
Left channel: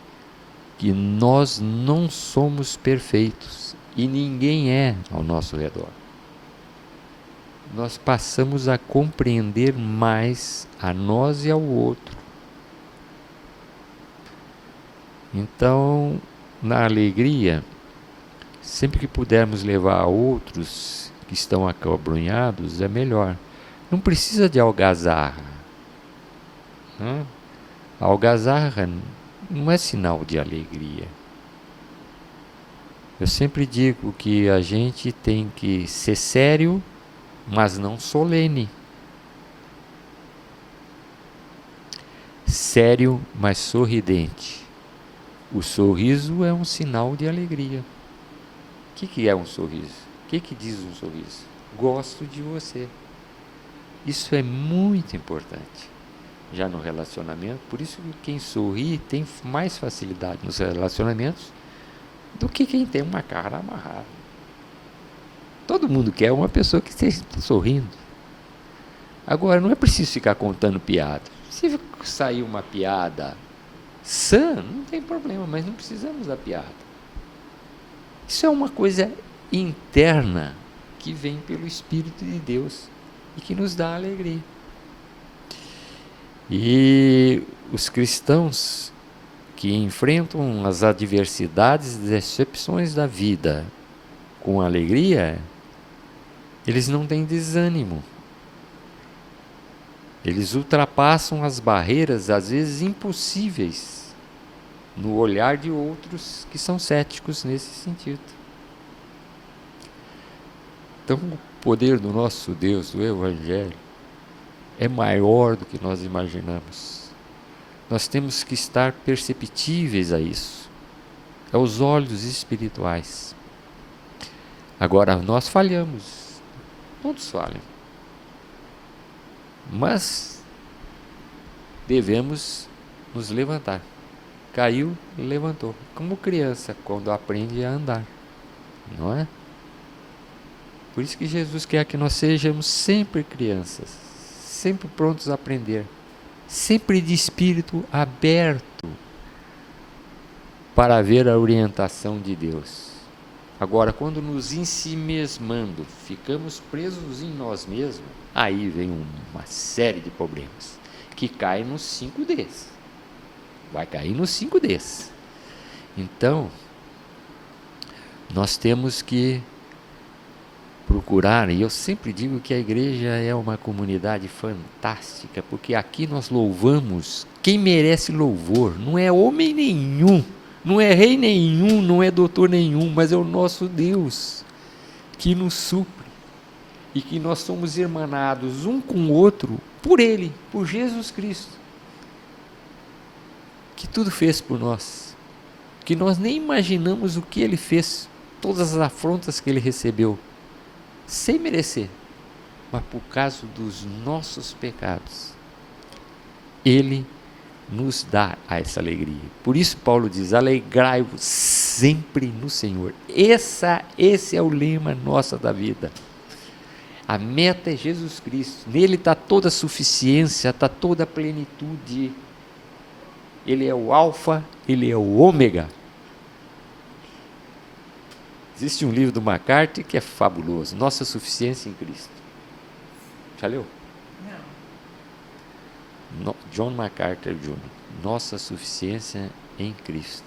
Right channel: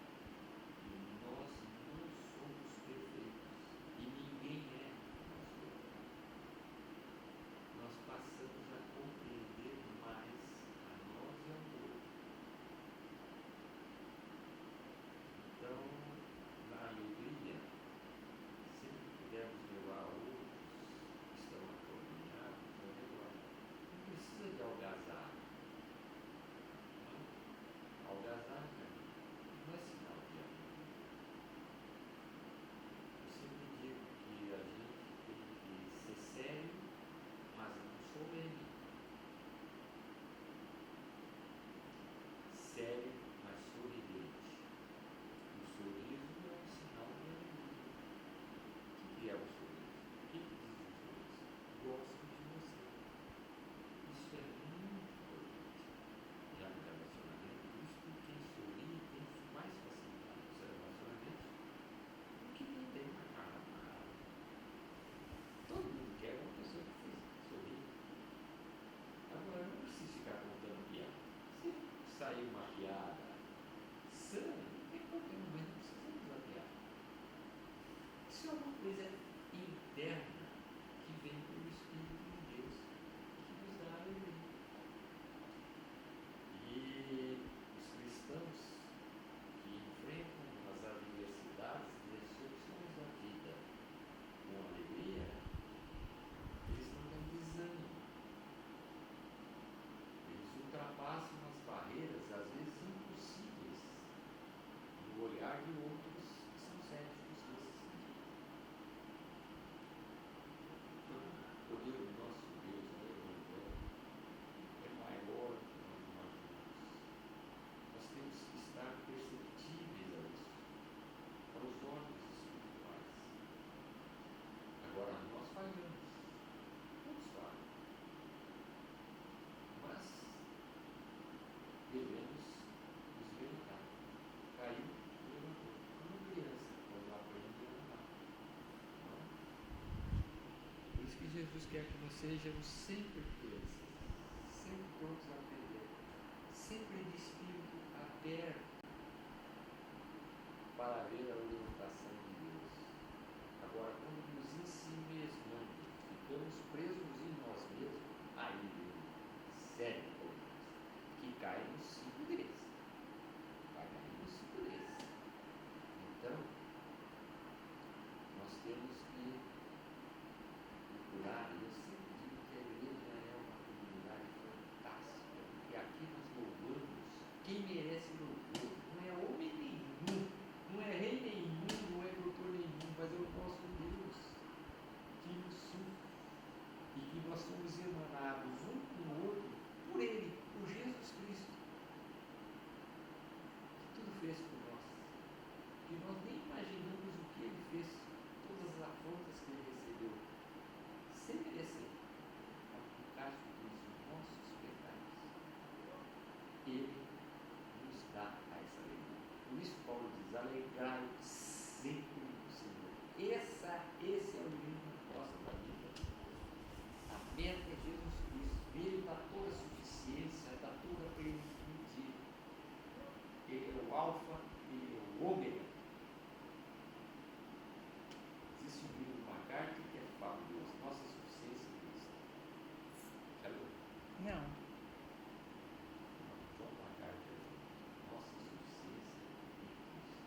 que nós não somos perfeitos e ninguém é ao nosso redor, nós passamos a compreender mais a nós e ao outro. Então, na alegria, sempre que pudermos levar a outros que estão acabrunhados, é melhor. Não precisa de algazarra. A algazarra não é sinal de alegria. Eu sempre digo que a gente tem que ser sério, mas não solene. Sério, mas sorridente. O sorriso é um sinal de alegria. O que é um sorriso? O que diz um sorriso? Gosto de você. Isso é muito importante. Já no relacionamento, por isso que quem sorri tem mais facilidade nos relacionamentos do que quem tem uma cara amarrada. Todo mundo quer uma pessoa que esteja sorrindo. Agora, não é preciso ficar contando piada. Se sair uma piada sã, não tem problema, mas não precisamos da piada. Isso é uma coisa interna que vem pelo Espírito de Deus e que nos dá alegria. E os cristãos que enfrentam as adversidades e decepções da vida com alegria, eles não têm desânimo. Eles ultrapassam as barreiras, às vezes impossíveis, no olhar de outros que são céticos nesse sentido. Então, o poder do nosso Deus, do Evangelho, é maior do que nós imaginamos. Nós temos que estar perceptíveis a isso. é os olhos espirituais. Agora, nós falhamos, todos falham, mas devemos nos levantar. Caiu, levantou, como criança quando aprende a andar, não é? Por isso que Jesus quer que nós sejamos sempre crianças, sempre prontos a aprender, sempre de espírito aberto para ver a orientação de Deus. Agora, quando nos ensimesmando, ficamos presos em nós mesmos, aí vem uma série de problemas, que caem nos 5Ds. Vai cair nos 5Ds. Então, nós temos que procurar, e eu sempre digo que a igreja é uma comunidade fantástica, porque aqui nós louvamos quem merece louvor, não é homem nenhum, não é rei nenhum, não é doutor nenhum, mas é o nosso Deus que nos supre, e que nós somos irmanados um com o outro por Ele, por Jesus Cristo, que tudo fez por nós, que nós nem imaginamos o que Ele fez, todas as afrontas que Ele recebeu, sem merecer, mas por causa dos nossos pecados, Ele nos dá essa alegria. Por isso Paulo diz, alegrai-vos sempre no Senhor. Esse é o lema nosso da vida. A meta é Jesus Cristo, nele está toda a suficiência, está toda a plenitude. Ele é o alfa, ele é o ômega. Existe um livro do MacArthur que é fabuloso, Nossa Suficiência em Cristo. Já leu? Não. John MacArthur Jr., Nossa Suficiência em Cristo,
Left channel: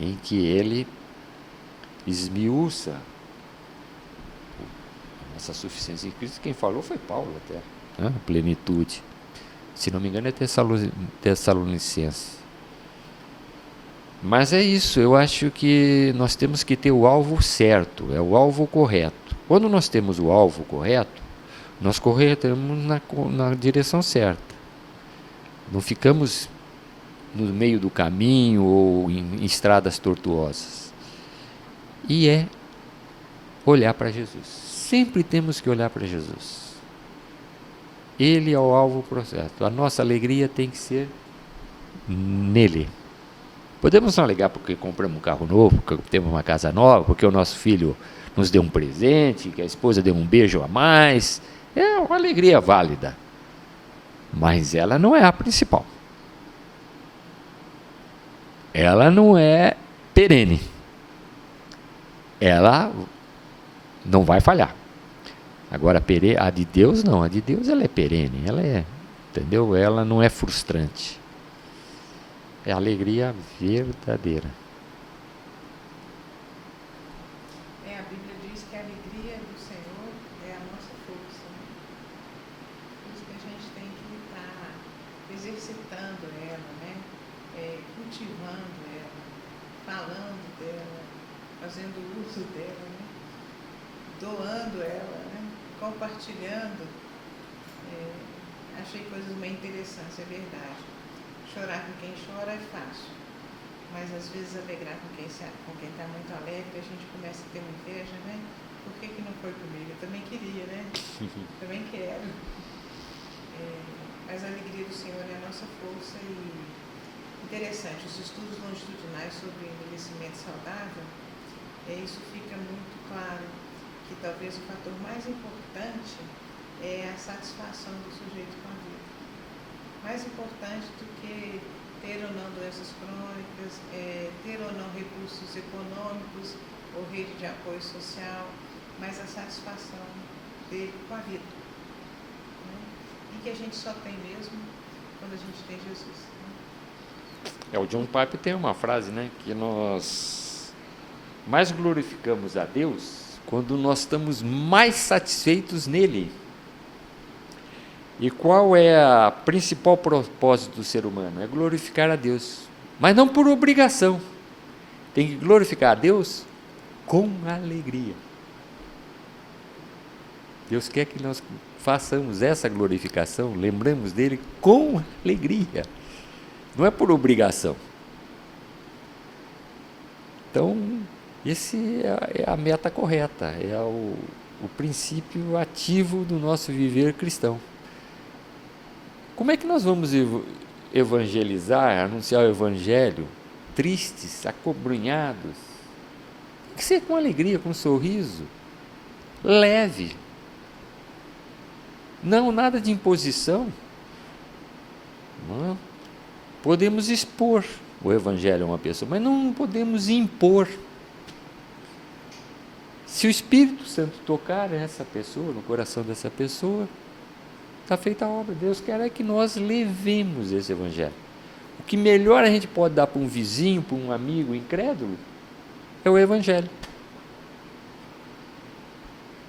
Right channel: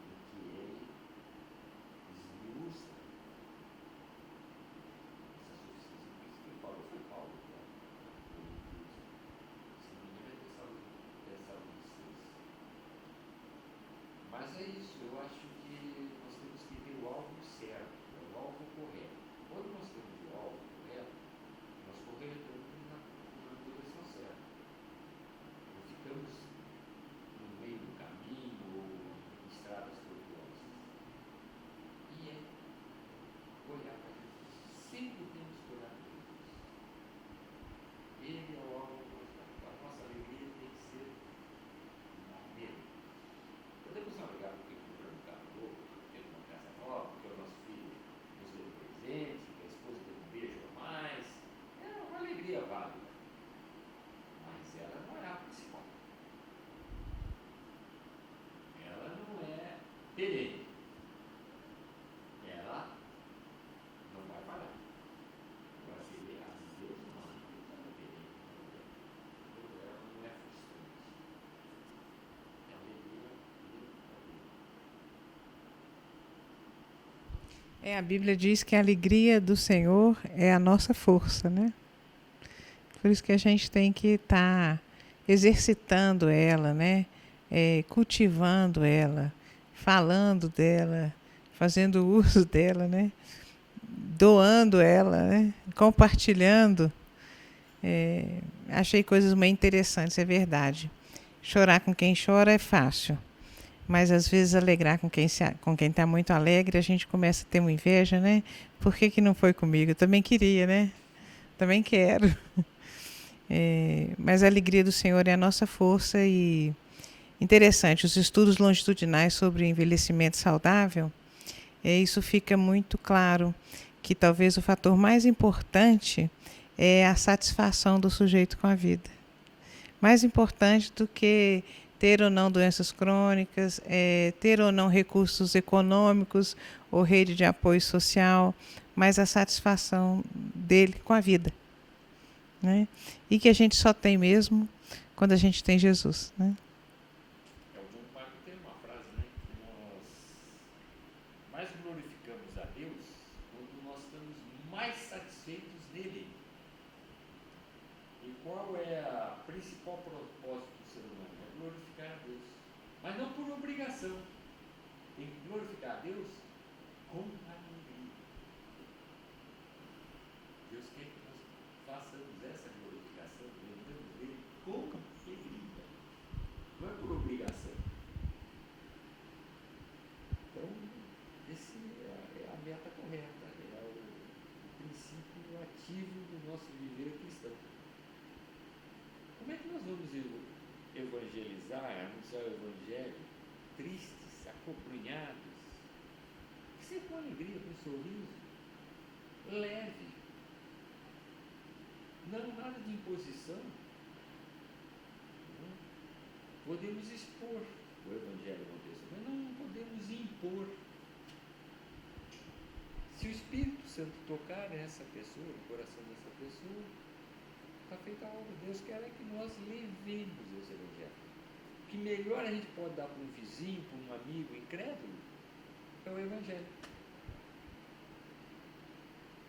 em que ele esmiuça a nossa suficiência em Cristo. Quem falou foi Paulo até, né? Plenitude. Se não me engano é Tessalonicenses. Mas é isso, eu acho que nós temos que ter o alvo certo, é o alvo correto. Quando nós temos o alvo correto, nós corremos na direção certa. Não ficamos no meio do caminho ou em estradas tortuosas. E é olhar para Jesus. Sempre temos que olhar para Jesus. Ele é o alvo correto. A nossa alegria tem que ser nele. Podemos não alegar porque compramos um carro novo, porque temos uma casa nova, porque o nosso filho nos deu um presente, que a esposa deu um beijo a mais. É uma alegria válida. Mas ela não é a principal. Ela não é perene. Ela não vai falhar. Agora, a de Deus não. A de Deus ela é perene. Ela é, entendeu? Ela não é frustrante. É alegria verdadeira. A Bíblia diz que a alegria do Senhor é a nossa força, né? Por isso que a gente tem que estar exercitando ela, né? Cultivando ela, falando dela, fazendo uso dela, né? Doando ela, né? Compartilhando. Achei coisas muito interessantes, é verdade. Chorar com quem chora é fácil, mas às vezes alegrar com quem está muito alegre, a gente começa a ter uma inveja, né? Por que não foi comigo? Eu também queria, né? Também quero. Mas a alegria do Senhor é a nossa força. E interessante, os estudos longitudinais sobre envelhecimento saudável, isso fica muito claro, que talvez o fator mais importante é a satisfação do sujeito com a vida. Mais importante do que ter ou não doenças crônicas, ter ou não recursos econômicos ou rede de apoio social, mas a satisfação dele com a vida, né? E que a gente só tem mesmo quando a gente tem Jesus, né? O John Piper tem uma frase, né, que nós mais glorificamos a Deus quando nós estamos mais satisfeitos nele. E qual é o principal propósito do ser humano? É glorificar a Deus, mas não por obrigação. Tem que glorificar a Deus com alegria. Deus quer que nós façamos essa glorificação, lembramos dele com alegria. Não é por obrigação. Então, esse é a meta correta, é o princípio ativo do nosso viver cristão. Como é que nós vamos evangelizar, anunciar o evangelho, tristes, acobrunhados? Tem que ser com alegria, com um sorriso, leve. Não, nada de imposição. Não. Podemos expor o evangelho a uma pessoa, mas não podemos impor. Se o Espírito Santo tocar nessa pessoa, no coração dessa pessoa, está feita a obra. Deus quer é que nós levemos esse evangelho. O que melhor a gente pode dar para um vizinho, para um amigo incrédulo, é o evangelho.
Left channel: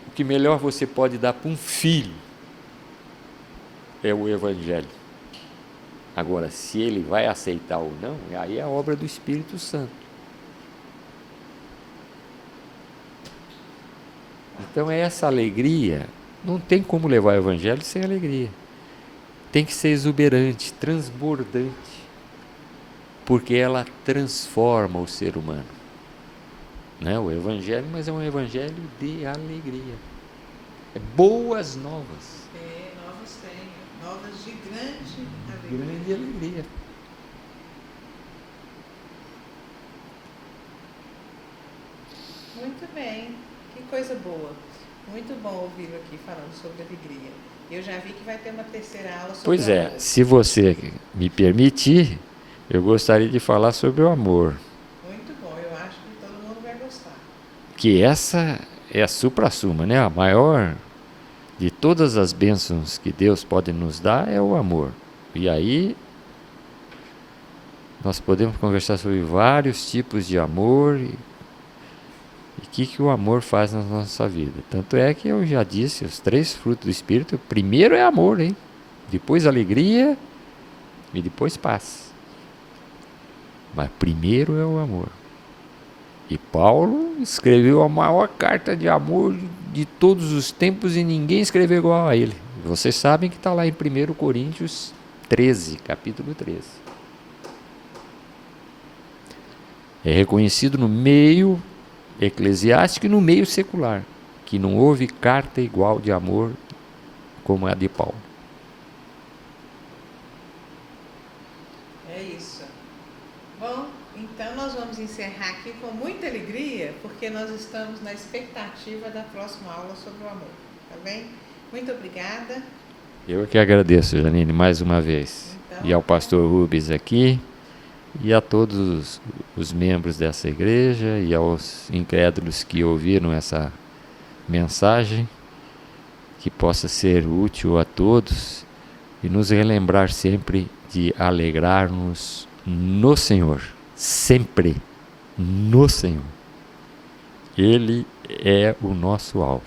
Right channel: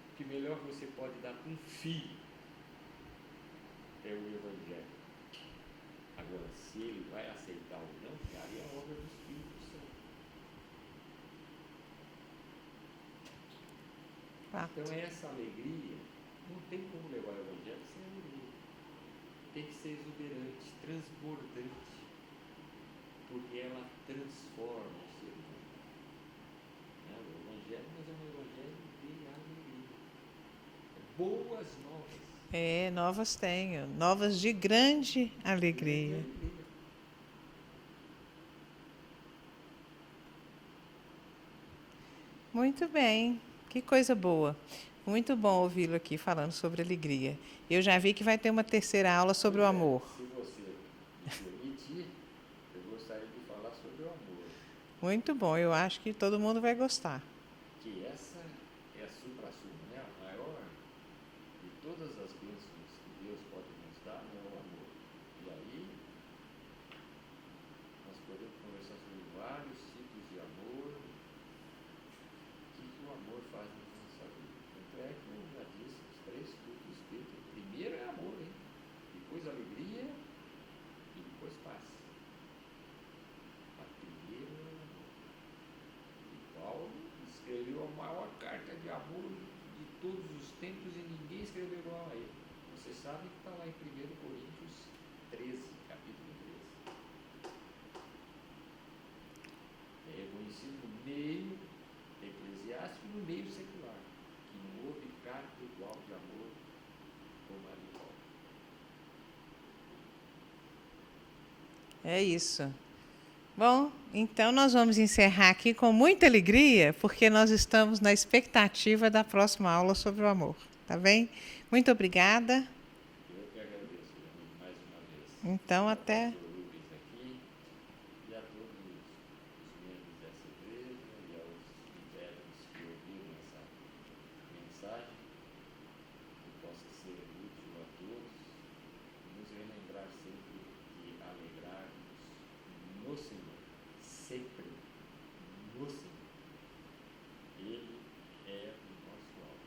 O que melhor você pode dar para um filho é o evangelho. Agora, se ele vai aceitar ou não, aí é a obra do Espírito Santo. Então, essa alegria, não tem como levar o evangelho sem alegria. Tem que ser exuberante, transbordante, porque ela transforma o ser humano. Não é o evangelho, mas é um evangelho de alegria. É boas novas. Novas tenho. Novas de grande alegria. Grande alegria. Muito bem. Que coisa boa. Muito bom ouvi-lo aqui falando sobre alegria. Eu já vi que vai ter uma terceira aula sobre o amor. Se você me permitir, eu gostaria de falar sobre o amor. Muito bom, eu acho que todo mundo vai gostar. Que essa é a supra-suma, né? A maior de todas as bênçãos que Deus pode nos dar é o amor. E aí nós podemos conversar sobre vários tipos de amor e o que o amor faz na nossa vida. Tanto é que eu já disse, os 3 frutos do Espírito, primeiro é amor, hein? Depois alegria e depois paz. Mas primeiro é o amor. E Paulo escreveu a maior carta de amor de todos os tempos e ninguém escreveu igual a ele. Vocês sabem que está lá em 1 Coríntios 13, capítulo 13. É reconhecido no meio eclesiástico e no meio secular, que não houve carta igual de amor como a de Paulo. É isso. Bom, então nós vamos encerrar aqui com muita alegria, porque nós estamos na expectativa da próxima aula sobre o amor. Tá bem? Muito obrigada. Eu que agradeço, Janine, mais uma vez. Então, e ao pastor Rubens aqui, e a todos os membros dessa igreja, e aos incrédulos que ouviram essa mensagem, que possa ser útil a todos, e nos relembrar sempre de alegrar-nos no Senhor, sempre no Senhor. Ele é o nosso alvo,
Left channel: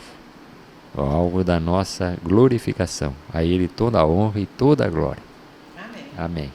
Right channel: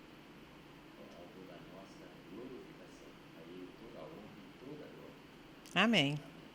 o alvo da nossa glorificação. A Ele toda a honra e toda a glória. Amém. Amém.